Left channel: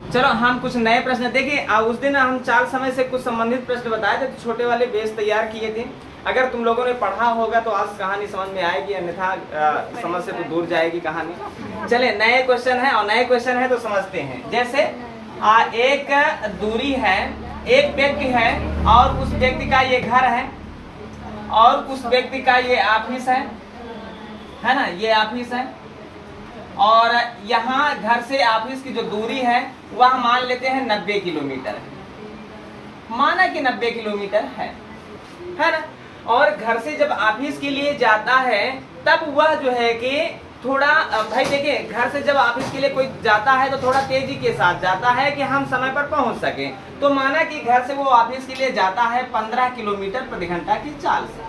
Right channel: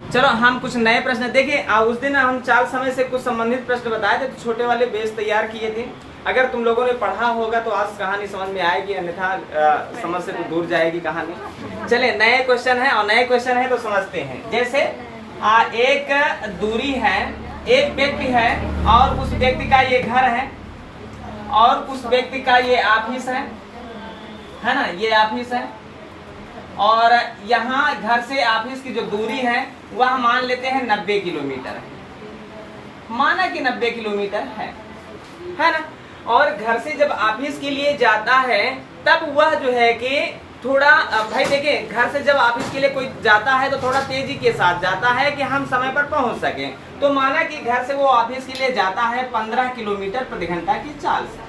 चलो हम कुछ नए प्रश्न देखिए। उस दिन हम चाल समय से कुछ संबंधित प्रश्न बताए थे, तो छोटे वाले बेस तैयार किए थे। अगर तुम लोगों ने पढ़ा होगा तो आज कहानी समझ में आएगी, अन्यथा समझ से तो दूर जाएगी कहानी। चले नए क्वेश्चन है, और नए क्वेश्चन है तो समझते हैं। जैसे एक दूरी है, एक व्यक्ति है और उस व्यक्ति का ये घर है और उस व्यक्ति का ये ऑफिस है ना, ये ऑफिस है। और यहाँ घर से ऑफिस की जो दूरी है वह मान लेते हैं 90 किलोमीटर है। माना कि 90 किलोमीटर है ना। और घर से जब ऑफिस के लिए जाता है तब वह जो है कि थोड़ा, भाई देखिए, घर से जब ऑफिस के लिए कोई जाता है तो थोड़ा तेजी के साथ जाता है कि हम समय पर पहुंच सके। तो माना कि घर से वो ऑफिस के लिए जाता है 15 किलोमीटर प्रति घंटा की चाल से,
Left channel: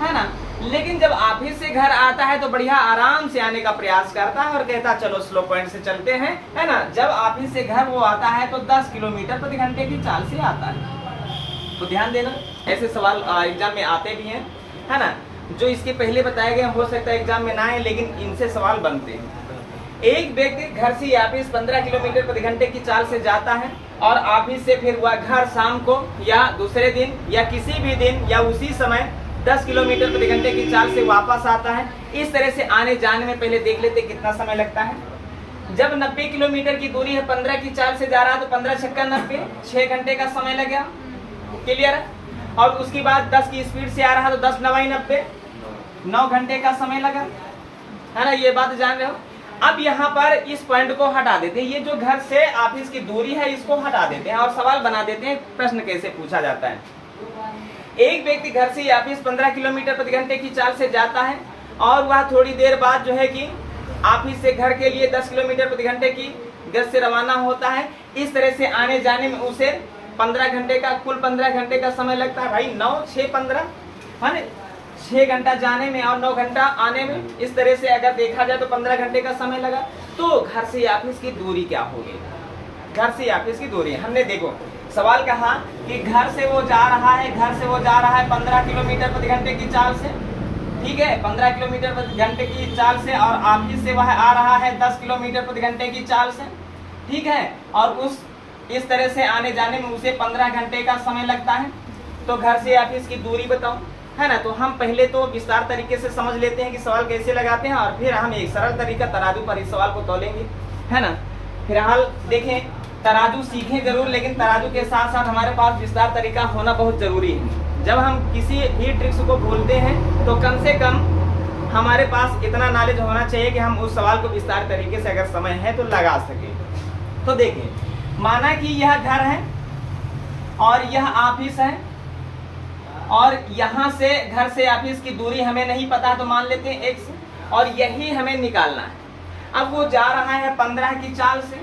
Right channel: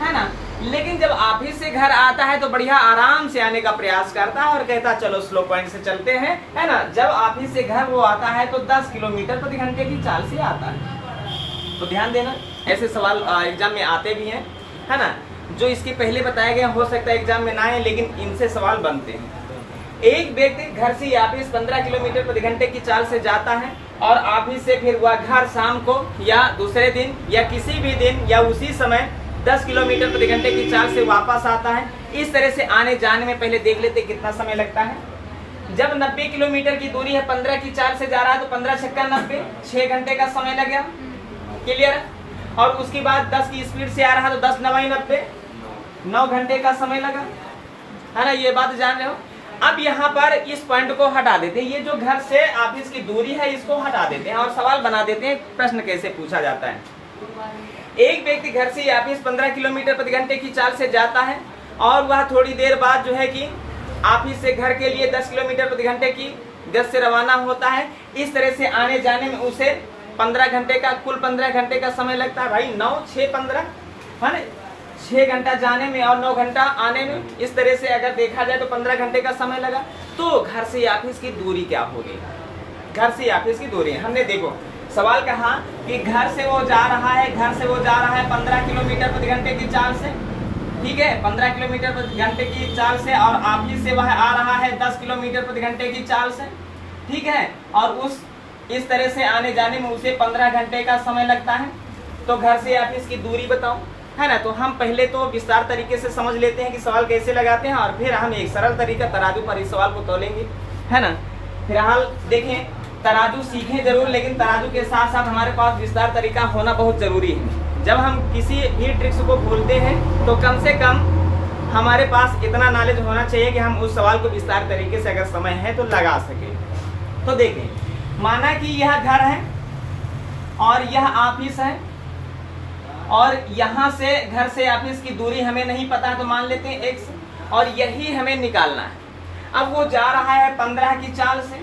है ना। लेकिन जब ऑफिस से घर आता है तो बढ़िया आराम से आने का प्रयास करता है और कहता चलो स्लो पॉइंट से चलते हैं, है ना। जब ऑफिस से घर वो आता है तो 10 किलोमीटर प्रति घंटे की चाल से आता है। तो ध्यान देना, ऐसे सवाल एग्जाम में आते भी हैं, है ना। जो इसके पहले बताया गया हो सकता है एग्जाम में ना आए, लेकिन इनसे सवाल बनते हैं। एक व्यक्ति घर से ऑफिस 15 किलोमीटर प्रति घंटे की चाल से जाता है और ऑफिस से फिर वह घर शाम को या दूसरे दिन या किसी भी दिन या उसी समय 10 किलोमीटर प्रति घंटे की चाल से वापस आता है। इस तरह से आने जाने में पहले देख लेते कितना समय लगता है। जब 90 किलोमीटर की दूरी है, 15 की चाल से जा रहा है तो 15 छक्का 90, 6 घंटे का समय लग गया। क्लियर। और उसके बाद 10 की स्पीड से आ रहा है तो 10 9 90, 9 घंटे का समय लगा, है ना। ये बात जान रहे हो। अब यहाँ पर इस पॉइंट को हटा देते हैं, ये जो घर से ऑफिस की दूरी है इसको हटा देते हैं और सवाल बना देते हैं प्रश्न कैसे पूछा जाता है। एक व्यक्ति घर से ऑफिस 15 किलोमीटर प्रति घंटे की चाल से जाता है और वह थोड़ी देर बाद जो है कि ऑफिस से घर के लिए 10 किलोमीटर प्रति घंटे की गति से रवाना होता है। इस तरह से आने जाने में उसे 15 घंटे का, कुल 15 घंटे का समय लगता है। भाई 9 6 15, है ना। 6 घंटा जाने में और 9 घंटा आने में, इस तरह से अगर देखा जाए तो 15 घंटे का समय लगा। तो घर से ऑफिस की दूरी क्या होगी? घर से ऑफिस की दूरी हमने देखो सवाल कहा कि घर से वो जा रहा है, 15 किलोमीटर प्रति घंटे की चाल से, ठीक है, 15 किलोमीटर प्रति घंटे की चाल से, और ऑफिस से वह आ रहा है 10 किलोमीटर प्रति घंटे की चाल से, ठीक है। और इस तरह से आने जाने में उसे 15 घंटे का समय लगता है। तो घर से ऑफिस की दूरी बताओ, है ना। तो हम पहले तो विस्तार तरीके से समझ लेते हैं कि सवाल कैसे लगाते हैं, और फिर हम एक सरल तरीका तराजू पर इस सवाल को तोलेंगे, है ना। फिलहाल देखें, तराजू सीखें जरूर, लेकिन तराजू के साथ साथ हमारे पास विस्तार तरीका होना बहुत जरूरी है। जब हम किसी भी ट्रिक्स को बोलते हैं तो कम से कम हमारे पास इतना नॉलेज होना चाहिए कि हम उस सवाल को विस्तार तरीके से अगर समय है तो लगा सके। तो देखिए, माना कि यह घर है और यह ऑफिस है, और यहाँ से घर से ऑफिस की दूरी हमें नहीं पता है तो मान लेते हैं x, और यही हमें निकालना है। अब वो जा रहा है 15 की चाल से,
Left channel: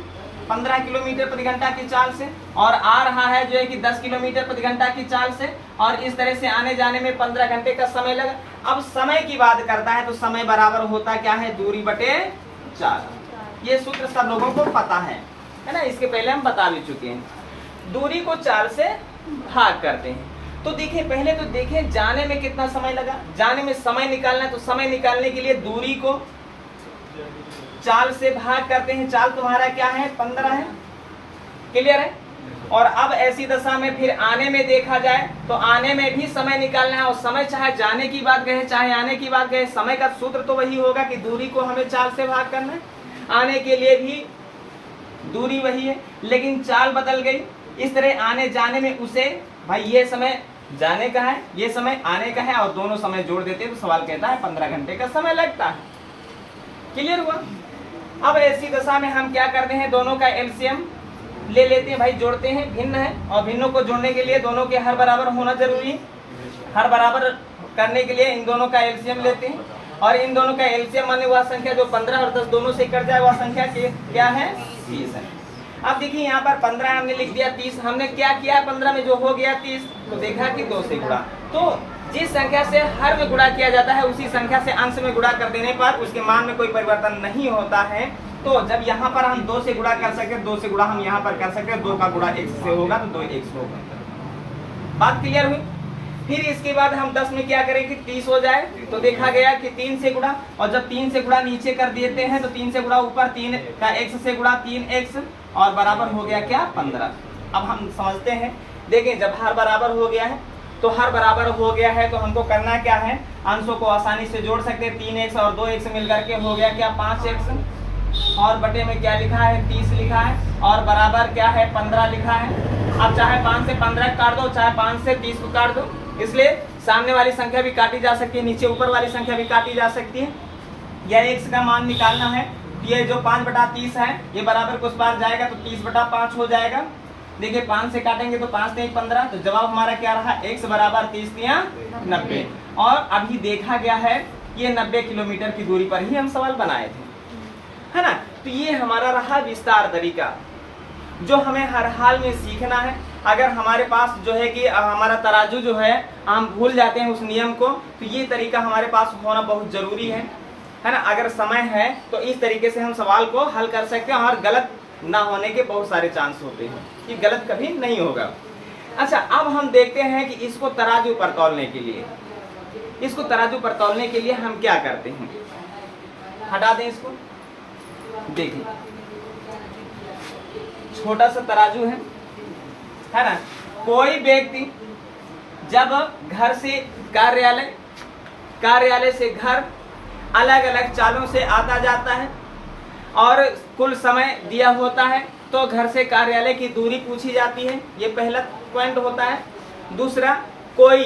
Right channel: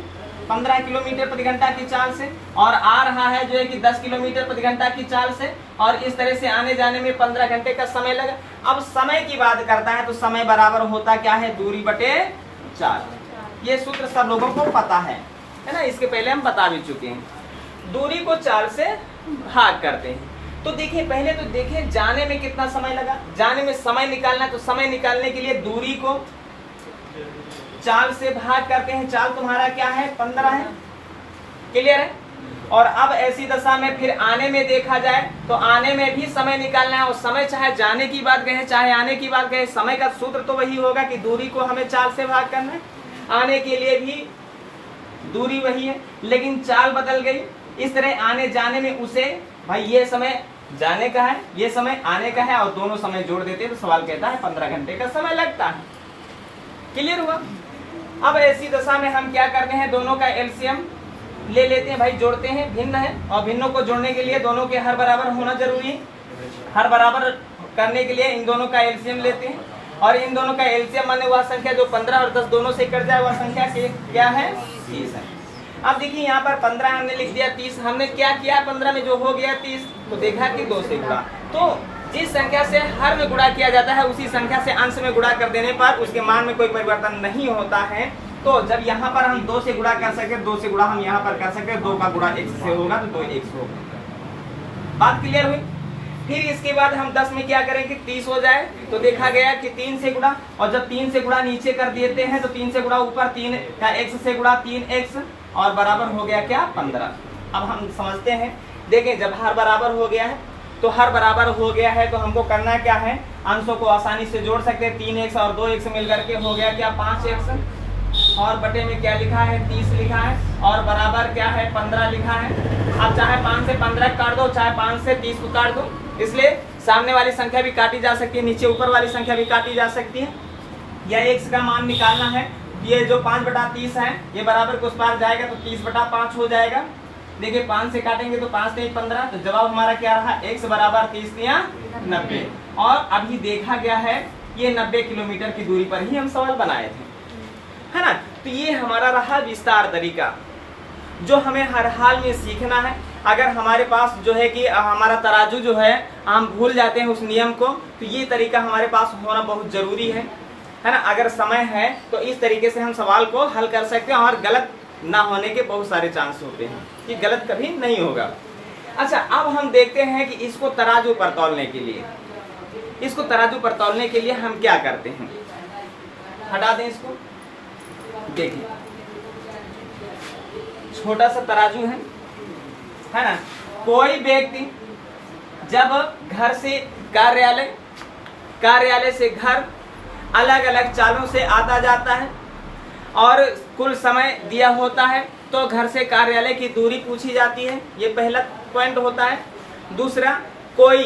15 किलोमीटर प्रति घंटा की चाल से, और आ रहा है जो है कि 10 किलोमीटर प्रति घंटा की चाल से, और इस तरह से आने जाने में 15 घंटे का समय लगा। अब समय की बात करता है तो समय बराबर होता क्या है? दूरी बटे 4। ये सूत्र सब लोगों को पता है ना, इसके पहले हम बता भी चुके हैं। दूरी को 4 से भाग करते हैं। तो देखिए, पहले तो देखिए जाने में कितना समय लगा। जाने में समय निकालना है तो समय निकालने के लिए दूरी को 4 से भाग करते हैं। चाल तुम्हारा क्या है? 15 है। क्लियर है। और अब ऐसी दशा में फिर आने में देखा जाए तो आने में भी समय निकालना है, और समय चाहे जाने की बात कहे चाहे आने की बात कहे, समय का सूत्र तो वही होगा कि दूरी को हमें 4 से भाग करना है। आने के लिए भी दूरी वही है, लेकिन चाल बदल गई। इस तरह आने जाने में उसे, भाई ये समय जाने का है, ये समय आने का है, और दोनों समय जोड़ देते हैं तो सवाल कहता है 15 घंटे का समय लगता है। क्लियर हुआ। अब ऐसी दशा में हम क्या करते हैं? दोनों का एलसीएम ले लेते हैं। भाई जोड़ते हैं, भिन्न है, और भिन्नों को जोड़ने के लिए दोनों के हर बराबर होना जरूरी है। हर बराबर करने के लिए इन दोनों का एलसीएम लेते हैं, और इन दोनों का एलसीएम माने वह संख्या जो 15 और 10 दोनों से कट जाए, वह संख्या क्या है? 30 है। अब देखिए यहाँ पर 15 हमने लिख दिया, 30 हमने क्या किया? 15 में जो हो गया 30, तो देखा कि 2 से गुणा। तो जिस संख्या से हर में गुणा किया जाता है उसी संख्या से अंश में गुणा कर देने पर उसके मान में कोई परिवर्तन नहीं होता है। तो जब यहाँ पर हम 2 से गुणा कर सकते, 2 से गुणा हम यहाँ पर कर सकते, 2 का गुणा x से होगा तो 2x होगा। बात क्लियर हुई। फिर इसके बाद हम 10 में क्या करें कि 30 हो जाए, तो देखा गया कि 3 से गुणा, और जब 3 से गुणा नीचे कर देते हैं तो 3 से गुणा ऊपर, 3 का x से गुणा 3x, और बराबर हो गया क्या 15। अब हम समझते हैं, देखें जब हर बराबर हो गया है तो हर बराबर हो गया है तो हमको करना क्या है, अंशों को आसानी से जोड़ सकते हैं। 3x और 2x मिलकर के हो गया क्या 5x, और बटे में क्या लिखा है 30 लिखा है, और बराबर क्या है 15 लिखा है। अब चाहे 5 से 15 काट दो, चाहे 5 से 30 को काट दो, इसलिए सामने वाली संख्या भी काटी जा सकती है, नीचे ऊपर वाली संख्या भी काटी जा सकती है। यह x का मान निकालना है, ये जो 5/30 है ये बराबर को उस पार जाएगा तो 30/5 हो जाएगा। देखिए 5 से काटेंगे तो 5 से 15, तो जवाब हमारा क्या रहा, x बराबर 30 या 90। और अभी देखा गया है ये 90 किलोमीटर की दूरी पर ही हम सवाल बनाए थे, है ना। तो ये हमारा रहा विस्तार तरीका जो हमें हर हाल में सीखना है। अगर हमारे पास जो है कि हमारा तराजू जो है हम भूल जाते हैं उस नियम को, तो ये तरीका हमारे पास होना बहुत जरूरी है ना। अगर समय है तो इस तरीके से हम सवाल को हल कर सकते हैं और गलत ना होने के बहुत सारे चांस होते हैं, कि गलत कभी नहीं होगा। अच्छा, अब हम देखते हैं कि इसको तराजू पर तौलने के लिए, इसको तराजू पर तौलने के लिए हम क्या करते हैं। हटा दें इसको, देखिए छोटा सा तराजू है ना। कोई व्यक्ति जब घर से कार्यालय से घर अलग अलग चालों से आता जाता है और कुल समय दिया होता है, तो घर से कार्यालय की दूरी पूछी जाती है, ये पहला पॉइंट होता है। दूसरा, कोई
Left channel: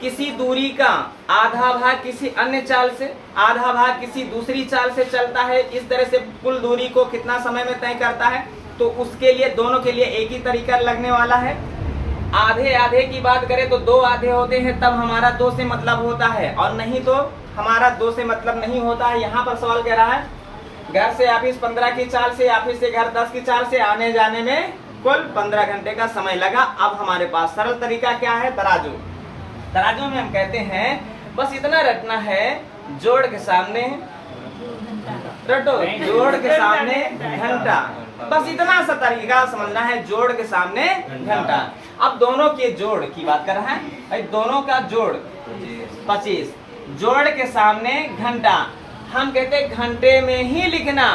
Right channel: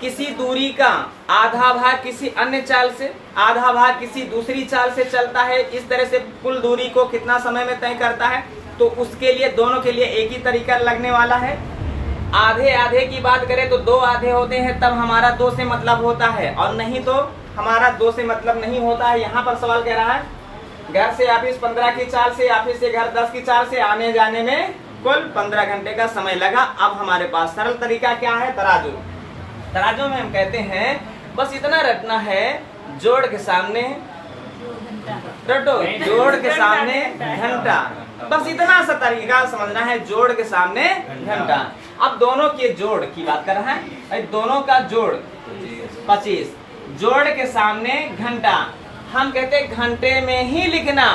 किसी दूरी का आधा भाग किसी अन्य चाल से, आधा भाग किसी दूसरी चाल से चलता है, इस तरह से कुल दूरी को कितना समय में तय करता है, तो उसके लिए दोनों के लिए एक ही तरीका लगने वाला है। आधे आधे की बात करें तो 2 आधे होते हैं, तब हमारा 2 से मतलब होता है, और नहीं तो हमारा 2 से मतलब नहीं होता है। यहाँ पर सवाल कह रहा है घर से ऑफिस 15 की चाल से, ऑफिस से घर 10 की चाल से आने जाने में कुल 15 घंटे का समय लगा। अब हमारे पास सरल तरीका क्या है, तराजू। तराजू में हम कहते हैं बस इतना रटना है, जोड़ के सामने रटो, जोड़ के सामने घंटा, बस इतना सा तरीका समझना है, जोड़ के सामने घंटा। अब दोनों के जोड़ की बात कर रहा है, दोनों का जोड़ 25, जोड़ के सामने घंटा। हम कहते हैं घंटे में ही लिखना,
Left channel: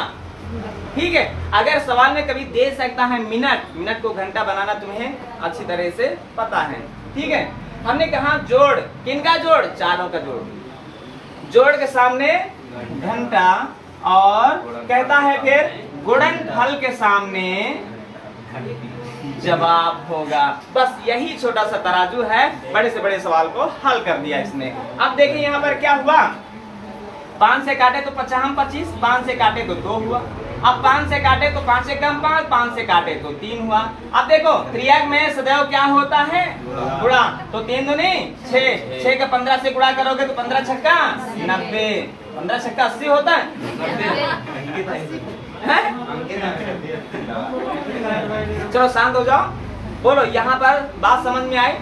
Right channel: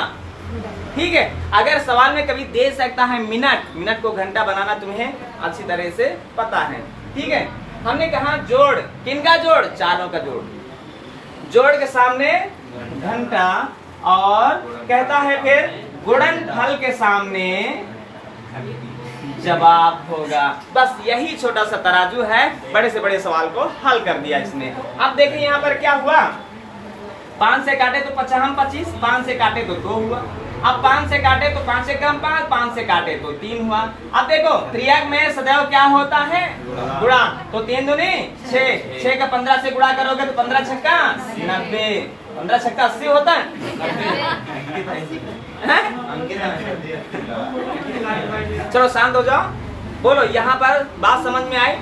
ठीक है। अगर सवाल में कभी दे सकता है मिनट को घंटा बनाना तुम्हें अच्छी तरह से पता है, ठीक है। हमने कहा जोड़, किनका जोड़, चारों का जोड़, जोड़ के सामने घंटा, और कहता है फिर गुणनफल के सामने जवाब होगा। बस यही छोटा सा तराजू है, बड़े से बड़े सवाल को हल कर दिया इसने। अब देखिए यहाँ पर क्या हुआ, 5 से काटे तो 25, 5 से काटे तो 2 हुआ। अब 5 से काटे तो 5 से कम 5, 5 से काटे तो 3 हुआ। अब देखो क्रिया में सदैव क्या होता है, गुणा, तो 3 दूनी 6, 6 का 15 से गुणा करोगे तो 15 छक्का 90, 15 छक्का 80 होता है। चलो शांत हो जाओ, बोलो यहाँ पर बात समझ में आई,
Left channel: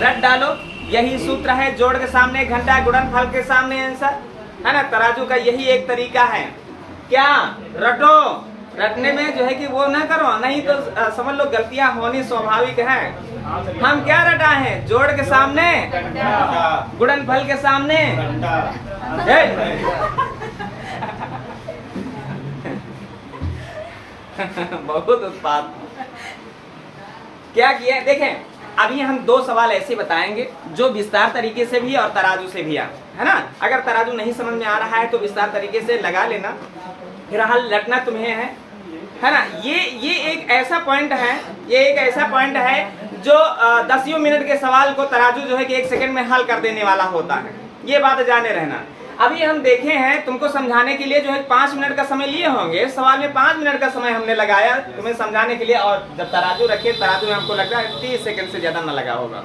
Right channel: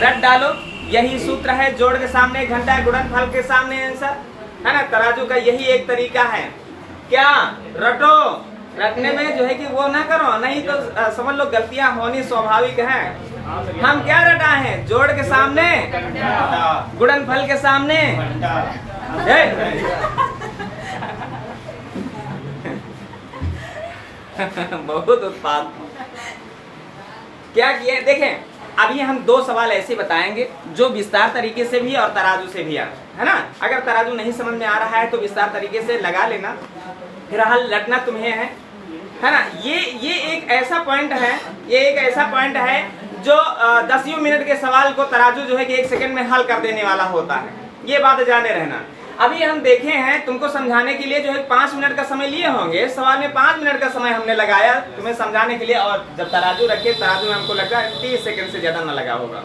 रट डालो। यही सूत्र है, जोड़ के सामने घंटा, गुणनफल के सामने आंसर, है ना। तराजू का यही एक तरीका है, क्या रटो, रटने में जो है कि वो ना करो, नहीं तो समझ लो गलतियां होनी स्वाभाविक है। हम क्या रटाए हैं, जोड़ के सामने, गुणनफल के सामने, बहुत उत्पाद क्या किया। देखें अभी हम 2 सवाल ऐसे बताएंगे जो विस्तार तरीके से भी और तराजू से भी है ना। अगर तराजू नहीं समझ में आ रहा है तो विस्तार तरीके से लगा लेना, फिलहाल लटना तुम्हें है ना। ये एक ऐसा पॉइंट है, ये एक ऐसा पॉइंट है जो 10 मिनट के सवाल को तराजू जो है कि 1 सेकंड में हल कर देने वाला होता है, ये बात जाने रहना। अभी हम देखे हैं तुमको समझाने के लिए जो है 5 मिनट का समय लिए होंगे, सवाल में 5 मिनट का समय हमने लगाया तुम्हें समझाने के लिए, और जब तराजू रखे, तराजू में हमको लगा 30 सेकंड से ज्यादा न लगा होगा।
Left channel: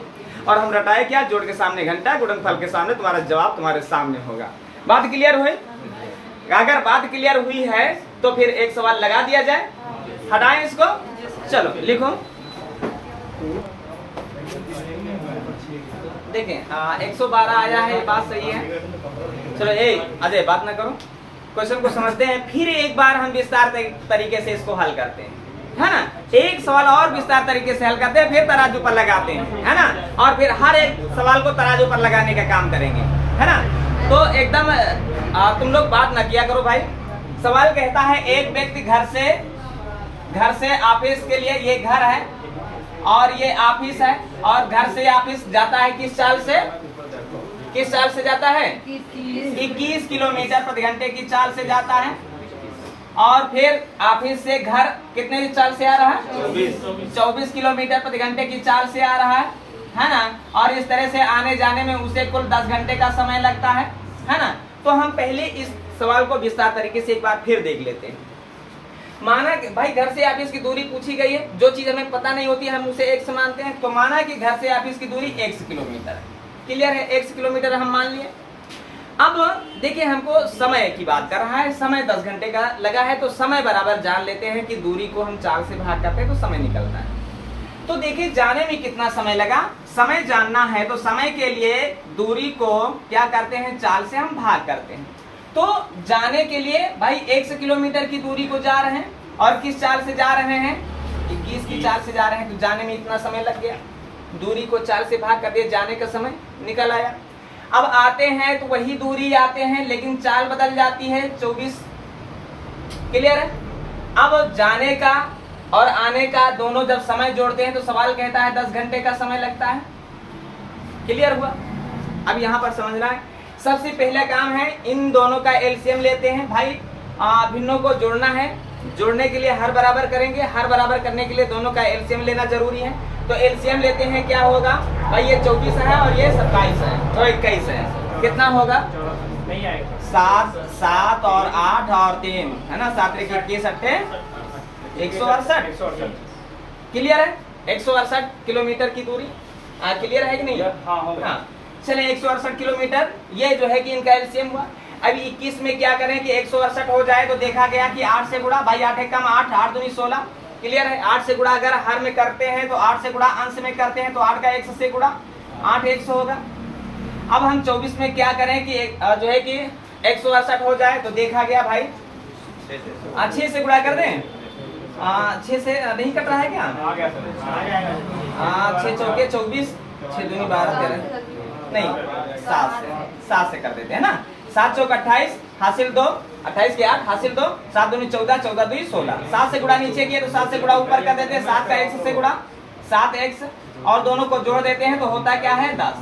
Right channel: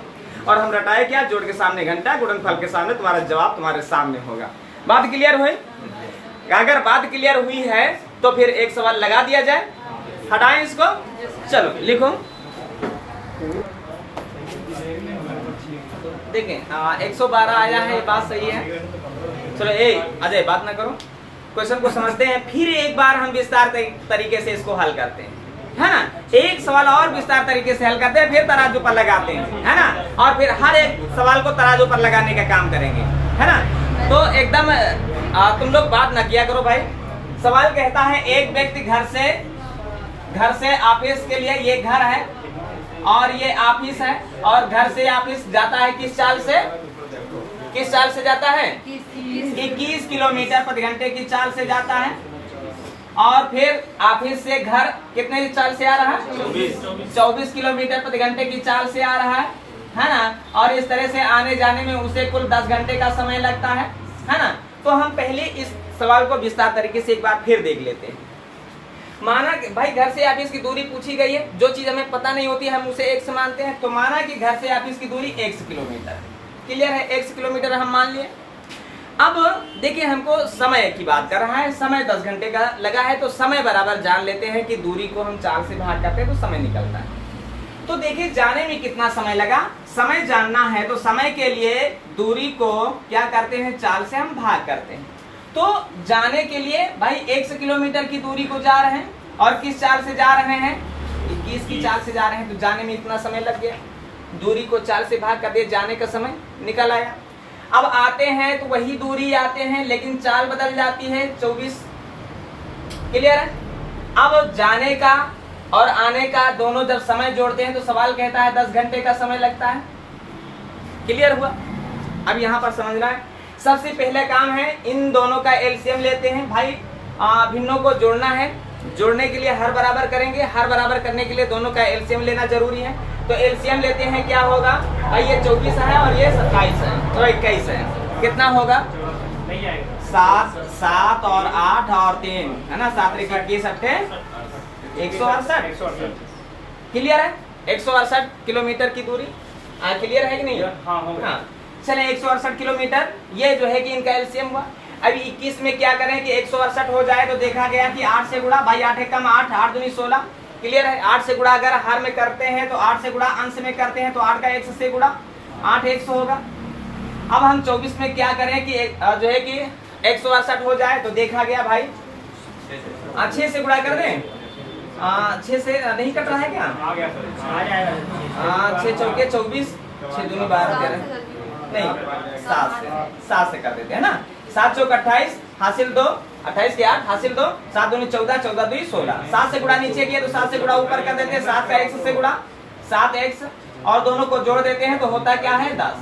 और हम रटाए क्या, जोड़ के सामने घंटा, गुणनफल के सामने, तुम्हारा जवाब तुम्हारे सामने होगा। बात क्लियर हुई? अगर बात क्लियर हुई है तो फिर एक सवाल लगा दिया जाए, हटाएं इसको, चलो लिखो। देखें 112 आया है, बात सही है। चलो अजय बात ना करो, क्वेश्चन को समझते हैं, फिर एक बार हम विस्तार तरीके से इसको हल करते हैं, है ना। एक सवाल और विस्तार तरीके से हल करते हैं, फिर तराजू पर लगाते हैं, है ना। और फिर हर एक सवाल को तराजू पर लगाने का काम करेंगे, है ना। तो एकदम तुम लोग बात ना किया करो भाई। सवाल कहता है एक व्यक्ति घर से ऑफिस के लिए ये घर है और ये ऑफिस है, और घर से ऑफिस जाता है किस चाल से, किस चाल से जाता है, 21 किलोमीटर प्रति घंटे की चाल से जाता है। और फिर ऑफिस से घर कितने की चाल से आ रहा है, 24 किलोमीटर प्रति घंटे की चाल से आ रहा है ना। और इस तरह से आने जाने में उसे कुल 10 घंटे का समय लगता है ना। तो हम पहले इस सवाल को विस्तार तरीके से एक बार फिर देख लेते हैं। माना कि भाई घर से ऑफिस की दूरी पूछी गई है, जो चीज हमें पता नहीं होती हम उसे x मानते हैं। तो माना कि घर से ऑफिस की दूरी x किलोमीटर है, क्लियर है, x किलोमीटर हम मान लिए। अब देखिए हमको समय की बात कर रहा है, समय 10 घंटे का लगा है, तो समय बराबर जान लेते हैं कि दूरी को हम 4 से भाग करते हैं तो समय निकलता है। तो देखिए जाने में कितना समय लगा, समय जानना है तो समय के लिए दूरी को क्या करते हैं, 4 से हम भाग करते हैं। तो जाने के लिए भाई 1 किलोमीटर की दूरी को जा रहे हैं और किस चाल से जा रहे हैं, 21 की चाल से जा रहे हैं, तो जाने में इतना समय लग गया। दूरी को 4 से भाग कर दिए, जाने का समय निकल आया। अब आते हैं तो वही दूरी आते हैं लेकिन चाल बदल जाती है 24, क्लियर है। अब जाने का और आने का दोनों जब समय जोड़ते हैं तो सवाल कहता है 10 घंटे का समय लगता है, क्लियर हुआ। अब यहाँ पर समझना है, सबसे पहला काम है इन दोनों का एलसीएम लेते हैं। भाई भिन्नों को जोड़ना है, जोड़ने के लिए हर बराबर करेंगे, हर बराबर करने के लिए दोनों का एलसीएम लेना जरूरी है। तो एलसीएम लेते हैं, क्या होगा भाई, ये 24 है और ये 27 है, तो 21 है, कितना होगा 7 और 8 और 3 है ना, 7 21 168, क्लियर है। 168 किलोमीटर की दूरी क्लियर है कि नहीं, हाँ चले 168 किलोमीटर ये जो है कि इनका एलसीएम हुआ। अभी 21 में क्या करें कि 168 हो जाए तो देखा गया कि 8 से गुणा, भाई 8 कम 8, 8 दूनी 16, क्लियर है। 8 से गुणा अगर हर में करते हैं तो 8 से गुणा अंश में करते हैं तो 8 का 100 से गुणा 8 100 होगा। अब हम 24 में क्या करें कि जो है कि 168 हो जाए तो देखा गया भाई 6 से गुणा कर दें, 6 से नहीं कट रहा है क्या, 6 चौके 24, 6 दूनी 12 13, नहीं 7 से कर देते हैं ना। 7 चौक 28 हासिल 2, 28 के 8 हासिल 2, 7 दूनी 14, 14 दूनी 16। 7 से गुणा नीचे किया तो 7 से गुणा ऊपर कर देते हैं, 7 का 1 से गुणा 7x और दोनों को जोड़ देते हैं तो होता क्या है 10।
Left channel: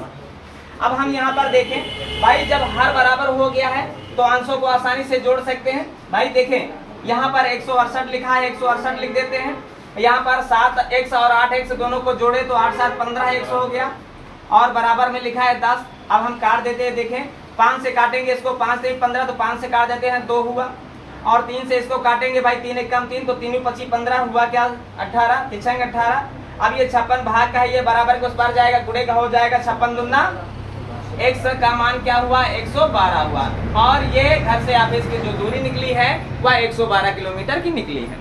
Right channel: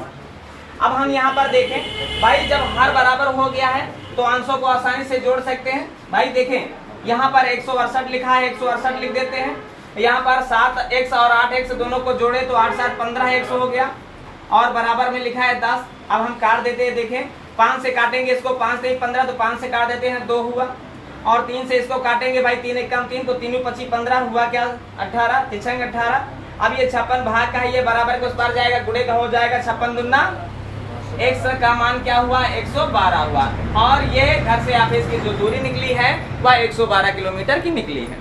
अब हम यहाँ पर देखें भाई, जब हर बराबर हो गया है तो अंशों को आसानी से जोड़ सकते हैं। भाई देखें यहाँ पर 168 लिखा है, 168 लिख देते हैं। यहाँ पर 7x और 8x दोनों को जोड़े तो 8 7 15x हो गया और बराबर में लिखा है 10। अब हम काट देते हैं, देखें 5 से काटेंगे इसको, 5 से 15 तो 5 से काट देते हैं 2 हुआ, और 3 से इसको काटेंगे भाई 3 एक कम 3 तो 3 25 15 हुआ क्या 18, 18। अब ये 56 भाग का है, ये बराबर के उस पार जाएगा, गुणे का हो जाएगा 56 दूना 100 का मान क्या हुआ 112 हुआ। और ये घर से ऑफिस की जो दूरी निकली है वह 112 किलोमीटर की निकली है।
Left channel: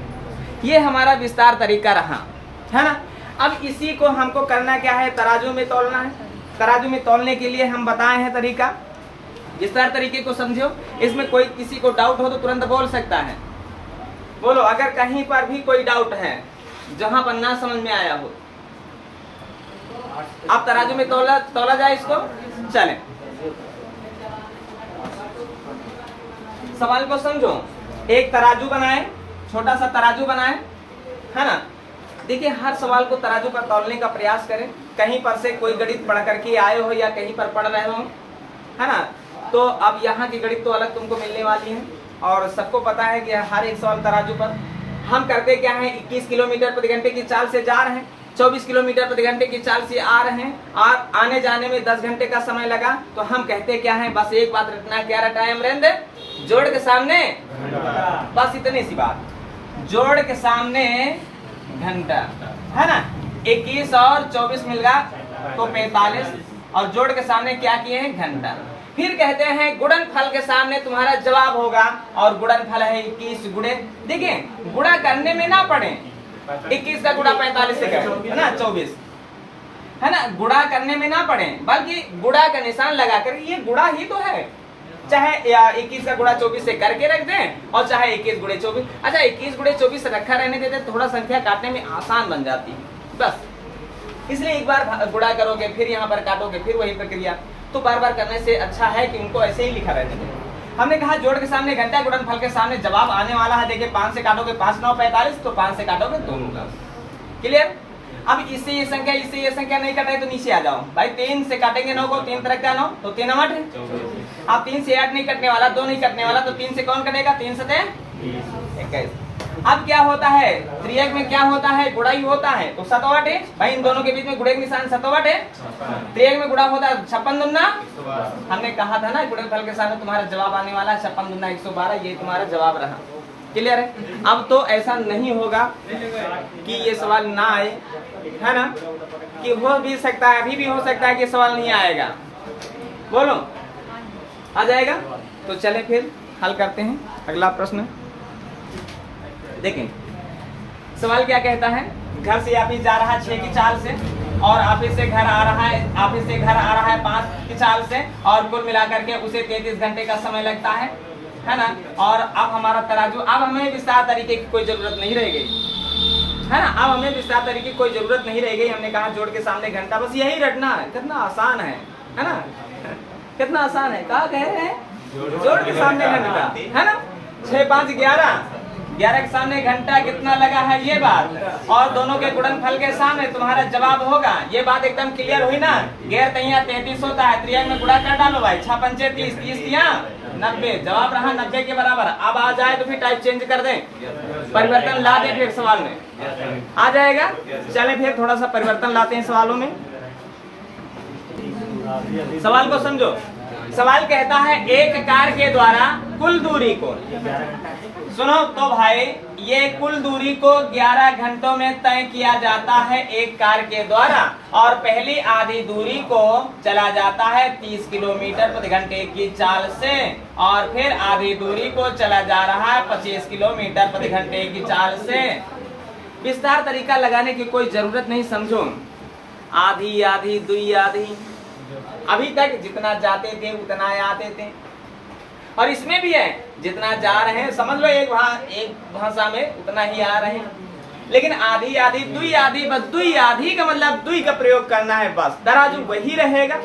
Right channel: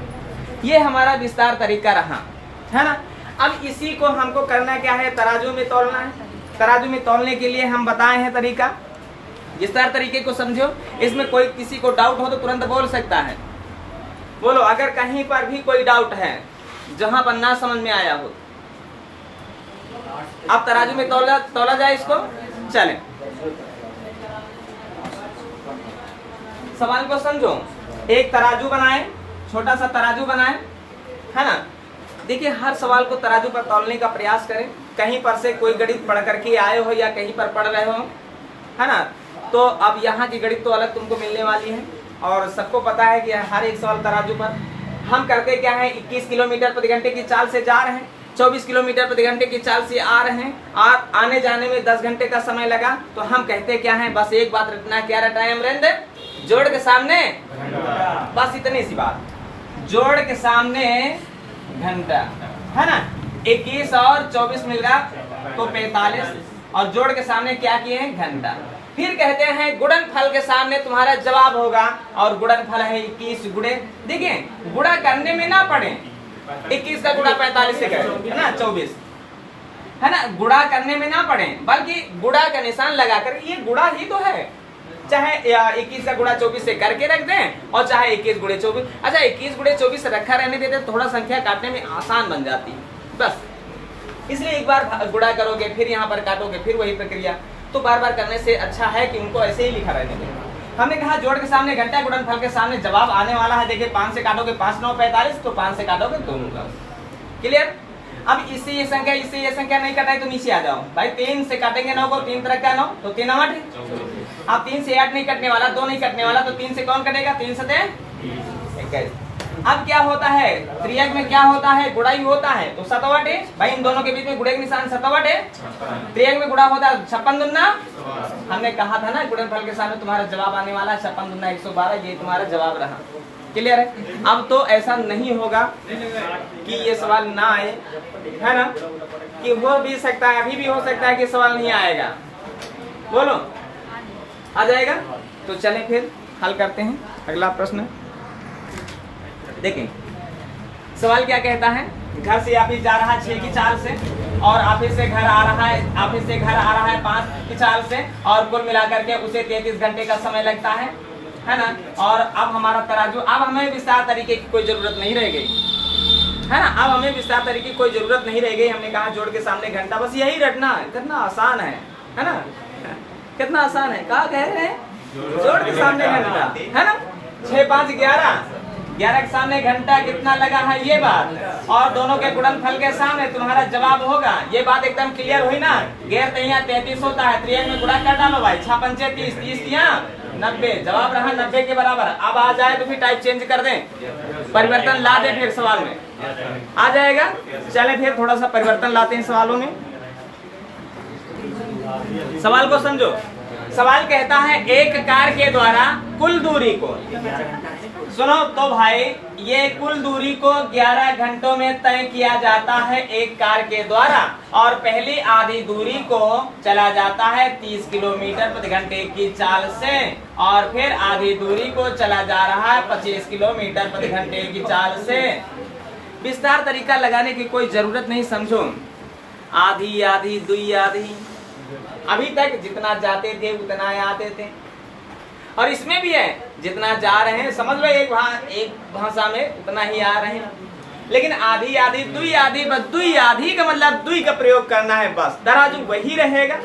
ये हमारा विस्तार तरीका रहा है ना। अब इसी को हमको करना क्या है, तराजू में तौलना है। तराजू में तौलने के लिए हम बताए हैं तरीका, विस्तार तरीके को समझो। इसमें कोई किसी को डाउट हो तो तुरंत बोल सकता है, बोलो अगर कहीं पर भी कोई डाउट है जहां पर ना समझ में आया हो। अब तराजू में तौला जाए इसको, चलें सवाल को समझो। एक तराजू बनाए, छोटा सा तराजू बनाए, है ना। देखिए हर सवाल को तराजू पर तौलने का प्रयास करें। कहीं पर से कोई गणित पढ़ करके आए हो या कहीं पर पढ़ रहे हो, है ना, तो अब यहाँ की गणित तो अलग तुमको मिलने वाली है। और सबको पता है कि हर एक सवाल तराजू पर हम करते क्या है, 21 किलोमीटर प्रति घंटे की चाल से जा रहे हैं, 24 किलोमीटर प्रति घंटे की चाल से आ रहे हैं और आने जाने में 10 घंटे का समय लगा। तो हम कहते क्या है, बस एक बात रटना, क्या रटाए अमरेंद्र, जोड़ के सामने, बस इतनी सी बात, जोड़ के सामने घंटा, है ना। 21 और 24 मिल रहा तो 45 और जोड़ के सामने क्या किए हैं, घंटा। फिर कहते हैं गुणनफल के सामने तुम्हारा जवाब होगा और गुणनफल है 21 गुणे, देखिए गुणा करने में ना पड़े, 21 का गुणा 45 से करें, है ना 24, है ना, गुणा करने में ना पड़े बल्कि गुणा का निशान लगाकर, ये गुणा ही तो है। चाहे 21 का गुणा 24 से करके रख दें और चाहे 21 गुणे 24, अच्छा 21 गुणे 24 रखा रहने देते तो थोड़ा संख्या काटने में आसान बन जाती है, बस इसलिए एक बार गुणा करोगे फिर यहाँ पर काटोगे फिर वही प्रक्रिया, तो बार बार करने से अच्छा है कि इनको ऐसे ही लिखा रहने दें। हमने कहा जोड़ के सामने घंटा, गुणनफल के सामने जवाब आने वाला है। देखिए 5 से काटोगे 5 9 45, तो 5 से काटोगे 2 9 10। क्लियर। अब इससे ये संख्या नहीं कटाई तो नीचे आ जाओ भाई। 3 से काटेंगे 9 को, 3 तरह का 9 तो 3 8 है। अब 3 से 8 नहीं कटने वाला, 2 नहीं कटने वाला, तो 3 से कौन कटेगा? 3 से 21। अब क्या होता है? त्रियक में क्या होता है? गुणा ही होता है, तो 7 है भाई। इन दोनों के बीच में गुणे का निशान 7 है। त्रियक में गुणा होता है 56 दूना। हमने कहा था ना गुणनफल के सामने तुम्हारा जवाब आने वाला है 56 दूना 112, ये तुम्हारा जवाब रहा। क्लियर है। अब तो ऐसा नहीं होगा कि ये सवाल ना आए, है ना, कि हो भी सकता है, अभी भी हो सकता है कि सवाल नहीं आएगा। बोलो आ जाएगा। तो चले फिर हल करते हैं अगला प्रश्न। देखें सवाल क्या कहता है। घर से ऑफिस जा रहा है 6 की चाल से, और ऑफिस से घर आ रहा है 5 की चाल से, और कुल मिलाकर के उसे 33 घंटे का समय लगता है ना। और अब हमारा तराजू, अब हमें विस्तार तरीके की कोई जरूरत नहीं रह गई, है ना। अब हमें विस्तार तरीके की कोई जरूरत नहीं रह गई। हमने कहा जोड़ के सामने घंटा, बस यही रटना है। कितना आसान है ना, कितना आसान है। कहा कह रहे हैं जोड़ के सामने घंटा, है ना। 6 5 11 के सामने घंटा कितना लगा है ये बात, और दोनों के गुणनफल के सामने तुम्हारा जवाब होगा। ये बात एकदम क्लियर हुई ना। गैर तहिया 33 होता है, त्रियक में गुणा कर डालो भाई। 6 पंचे 30, 30 या 90, जवाब रहा 90 के बराबर। अब आ जाए तो फिर टाइप चेंज कर दें, परिवर्तन ला दे फिर सवाल में आ जाएगा। चले फिर थोड़ा सा परिवर्तन लाते हैं सवालों में। सवाल को समझो। सवाल कहता है एक कार के द्वारा कुल दूरी को, सुनो तो भाई, ये कुल दूरी को 11 घंटों में तय किया जाता है एक कार के द्वारा, और पहली आधी दूरी को चला जाता है 30 किलोमीटर प्रति घंटे की चाल से, और फिर आधी दूरी को चला जा रहा है 25 किलोमीटर प्रति घंटे की चाल से। विस्तार तरीका लगाने की कोई जरूरत नहीं, समझो। आधी आधी दुई आधी, अभी तक जितना जाते थे उतना आते थे, और इसमें भी है जितना जा रहे हैं, समझ लो एक भाषा में उतना ही आ रहे हैं। लेकिन आधी आधी दुई आधी, बस दुई आधी का मतलब दुई का प्रयोग करना है बस। तराजू वही रहेगा,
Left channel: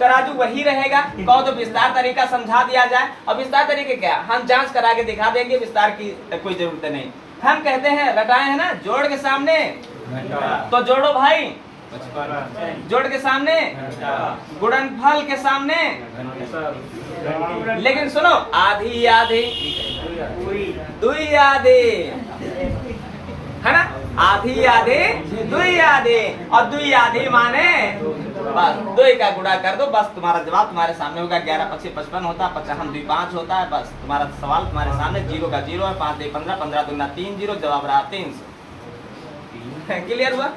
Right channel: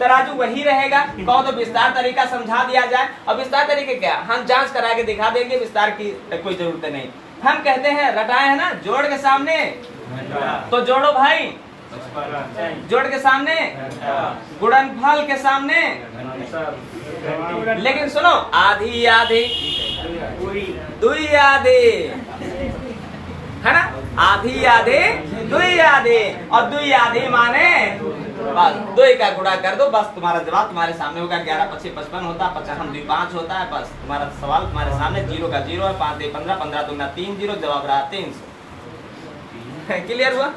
तराजू वही रहेगा। कहो तो विस्तार तरीका समझा दिया जाए, और विस्तार तरीके क्या हम जांच करा के दिखा देंगे, विस्तार की कोई जरूरत नहीं। हम कहते हैं रटाए है ना, जोड़ के सामने तो जोड़ो भाई, जोड़ के सामने, गुणनफल के सामने। लेकिन सुनो, आधी आधी दुई आधी, है ना, आधी आधी दुई आधी, और दुई आधी माने बस दुई का गुणा कर दो, बस तुम्हारा जवाब तुम्हारे सामने होगा। 11 25 55 होता है, 50 हम 5 होता है, बस तुम्हारा सवाल तुम्हारे सामने। 0 का 0 है, 5 2 15, 15 दूना 3 0, जवाब रहा 300। क्लियर हुआ।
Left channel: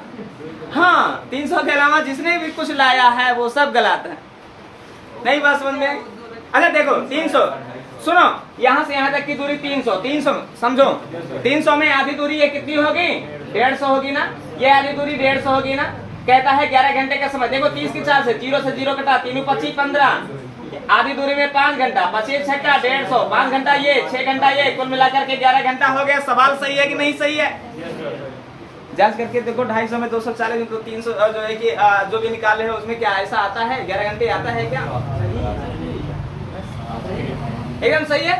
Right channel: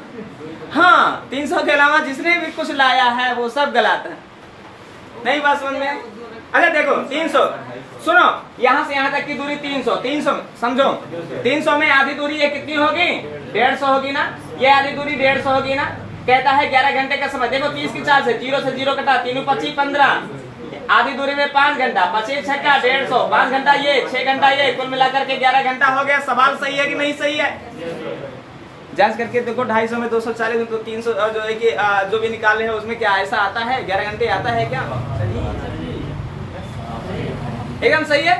हाँ, 300 के अलावा जिसने भी कुछ लाया है वो सब गलत है। नहीं बात समझ में? अच्छा देखो 300, सुनो, यहाँ से यहाँ तक की दूरी 300, 300 समझो। 300 में आधी दूरी ये कितनी होगी? 150 होगी ना। ये आधी दूरी 150 होगी ना। कहता है 11 घंटे का समय। देखो 30 की चाल से 0 से 0 कटा, 3 25 15, आधी दूरी में 5 घंटा, 25 छक्का 150, 5 घंटा ये, 6 घंटा ये, कुल मिलाकर के 11 घंटा हो गया। सवाल सही है कि नहीं सही है? जांच करके देखो। 250 में 240 तो 300, और जो है कि जो भी निकाल रहे हैं उसमें क्या ऐसा आता है? 11 घंटे आता है क्या? एकदम सही है,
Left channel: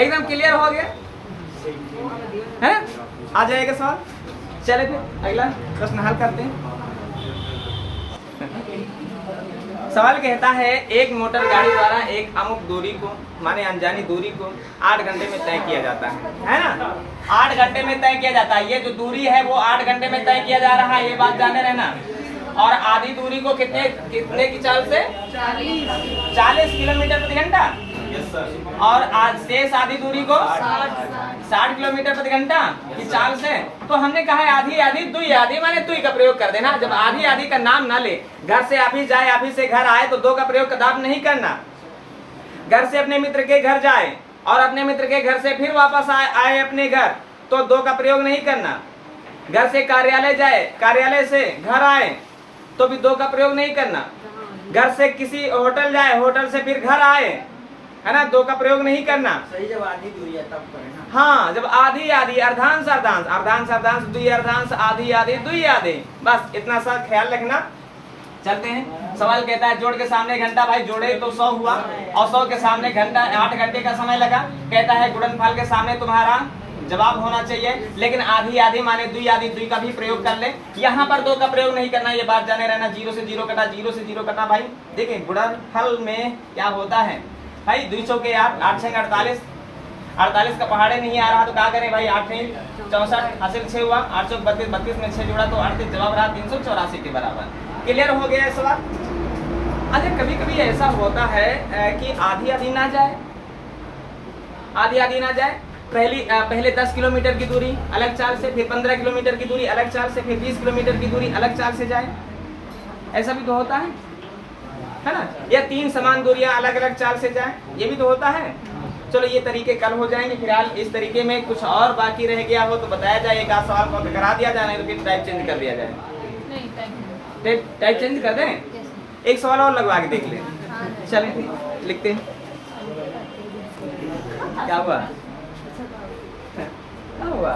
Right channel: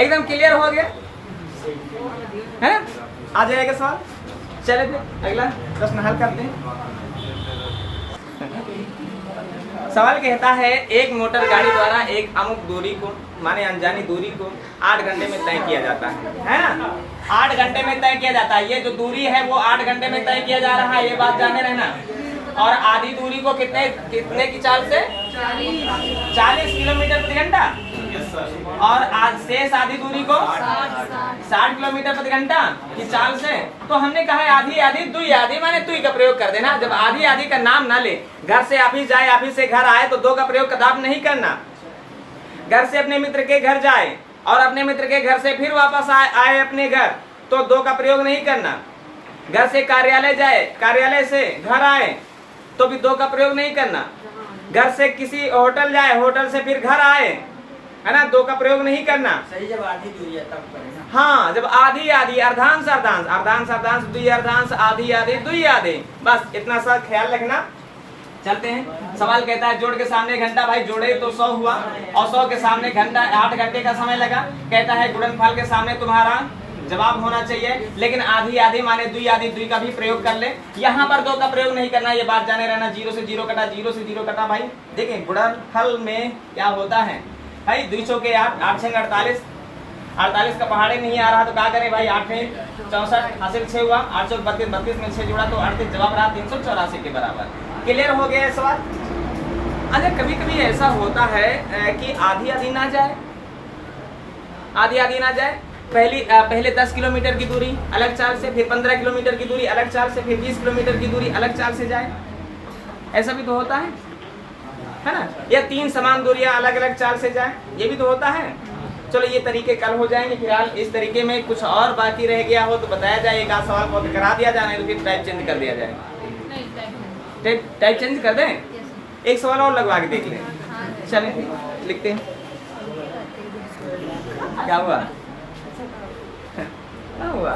एकदम क्लियर हो गया है। आ जाएगा सवाल। चले फिर अगला प्रश्न हल करते हैं। सवाल कहता है एक मोटर गाड़ी द्वारा एक अमुक दूरी को, माने अनजानी दूरी को 8 घंटे में तय किया जाता है ना। 8 घंटे में तय किया जाता है। ये जो दूरी है वो 8 घंटे में तय किया जा रहा है, ये बात जाने रहना। और आधी दूरी को कितने की चाल से? 40 किलोमीटर प्रति घंटा। और आज शेष आधी दूरी को 60 किलोमीटर प्रति घंटा की चाल से। तो हमने कहा है आधी आधी दुई आधी, माने दुई का प्रयोग कर देना। जब आधी आधी का नाम ना ले, घर से ऑफिस जाए, ऑफिस से घर आए, तो 2 का प्रयोग कदाप नहीं करना। घर से अपने मित्र के घर जाए और अपने मित्र के घर से फिर वापस आए अपने घर, तो 2 का प्रयोग नहीं करना। घर से कार्यालय जाए, कार्यालय से घर आए, तो भी 2 का प्रयोग नहीं करना। घर से किसी होटल जाए, होटल से फिर घर आए, है ना, 2 का प्रयोग नहीं करना। सही जब आधी दूरी है तब करें। हाँ, जब आधी आधी, अर्धांश अर्धांश, अर्धांश अर्धांश, दुई अर्धांश, आधी आधी दुई आधी, बस इतना सा ख्याल रखना। चलते हैं। सवाल कहता है जोड़ के सामने घंटा, भाई जोड़े तो 100 हुआ और 100 के सामने घंटा, 8 घंटे का समय लगा। कहता है गुणनफल के सामने तुम्हारा जवाब होना चाहिए, लेकिन आधी आधी माने दुई आधी दुई का भी प्रयोग कर ले। यहाँ पर 2 का प्रयोग नहीं करना, ये बात जाने रहना। 0 से 0 कटा, 0 से 0 कटा। भाई देखिए गुणनफल में क्या होता है भाई, 200 के 8, 8 6 48, 48 का पहाड़े नहीं आ रहा तो क्या करें भाई, 8 64 हासिल 6 हुआ, 8 चौक 32, 32 में 6 जोड़ा तो 38, जवाब रहा 384 के बराबर। क्लियर हो गया है सवाल। अच्छा कभी कभी ऐसा होता है कि आधी आधी ना जाए, आधी आधी ना जाए। पहले 10 किलोमीटर की दूरी अलग चाल से, फिर 15 किलोमीटर की दूरी अलग चाल से, फिर 20 किलोमीटर की दूरी अलग चाल से जाए, ऐसा भी तो होता है ना। या 3 समान दूरियां अलग अलग चाल से जाए, ये भी तो होता है। चलो ये तरीके कल हो जाएंगे। फिलहाल इस तरीके में कुछ और बाकी रह गया हो तो बताया जाए, एक आध सवाल कॉपी करा दिया जाए, तो फिर टाइप चेंज कर दिया जाए। टाइप चेंज कर दें, एक सवाल और लगवा के देख लें। चलें लिखते हैं। क्या हुआ, क्या हुआ?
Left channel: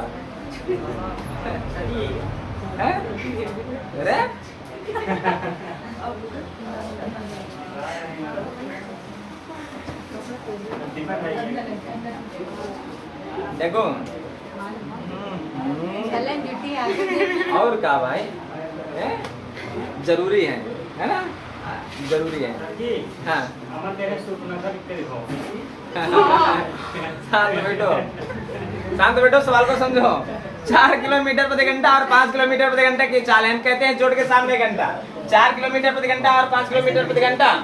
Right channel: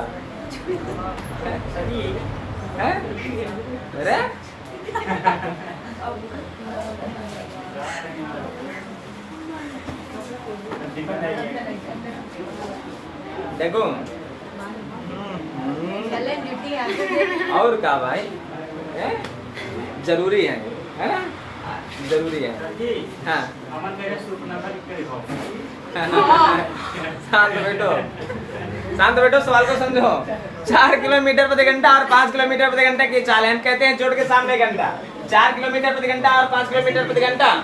अरे देखो और क्या भाई है? जरूरी है ना, जरूरी है। हाँ शांत बैठो, शांत बैठो, सवाल को समझो। 4 किलोमीटर प्रति घंटा और 5 किलोमीटर प्रति घंटा की चाल है, कहते हैं जोड़ के सामने घंटा। 4 किलोमीटर प्रति घंटा और 5 किलोमीटर प्रति घंटा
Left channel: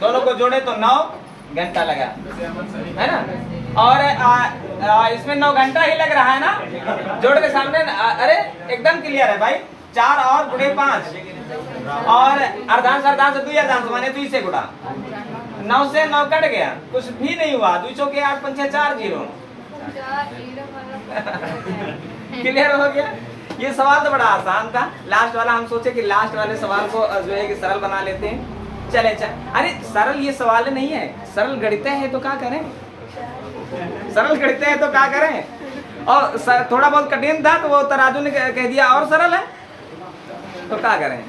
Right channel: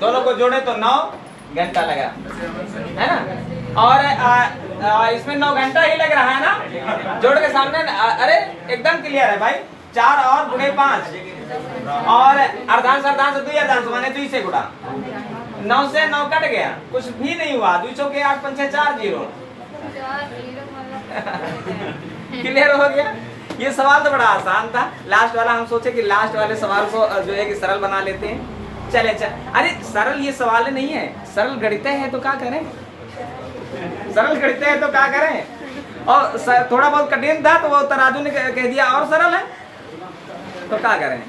दोनों को जोड़े तो 9 घंटा लगा, है ना। और इसमें 9 घंटा ही लग रहा है ना, जोड़ के सामने। अरे एकदम क्लियर है भाई। 4 और गुणे 5 और अर्धांश अर्धांश 2 अर्धांश माने 2 से गुणा, 9 से 9 कट गया, कुछ भी नहीं हुआ। 200 के 8 5 4 0। क्लियर हो गया। ये सवाल तो बड़ा आसान था, लास्ट वाला हम सोचे कि लास्ट वाले सवाल को जो है कि सरल बना लेते हैं। चले अरे सरल ये सवाल नहीं है, सरल गणित है तो क्या करें, सरल गणित है तो क्या करें। और थोड़ा बहुत कठिन था तो वो तराजू ने कह दिया और सरल है तो क्या करें।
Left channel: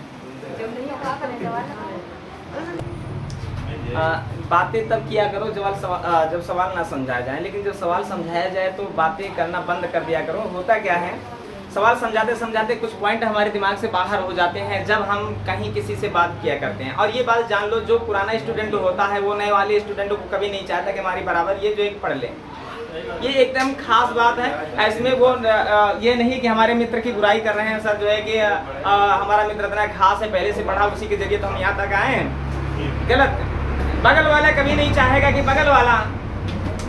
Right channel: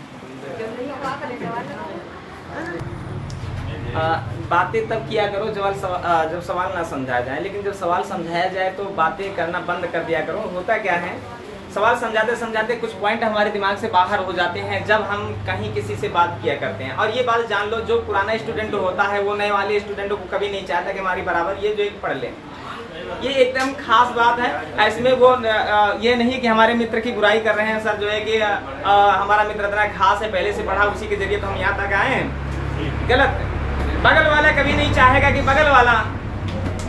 बातें तब किया करो जब सवाल ना समझाया जाए, लेकिन जब सवाल समझाया जाए तो बातें करना बंद कर दिया करो। होता क्या है, सवाल समझाते समझाते कुछ पॉइंट हमारे दिमाग से बाहर हो जाते हैं जब हम कहीं किसी से बात किया करते हैं। और ये बात जान लो, जो पुराना स्टूडेंट होता है वो नए वाले स्टूडेंटों को कभी नहीं चाहता कि हमारी बराबर ये जो एक पढ़ ले। ये एकदम खास बात है। इसमें वो ये नहीं कि हमारे मित्र की बुराई कर रहे हैं सर, जो है कि हमारा मित्र इतना खास है, पहले से पढ़ा, उसी के जरिए तो हम यहाँ तक आए हैं। गलत। बगल वाला कभी नहीं चाहेगा कि बगल वाला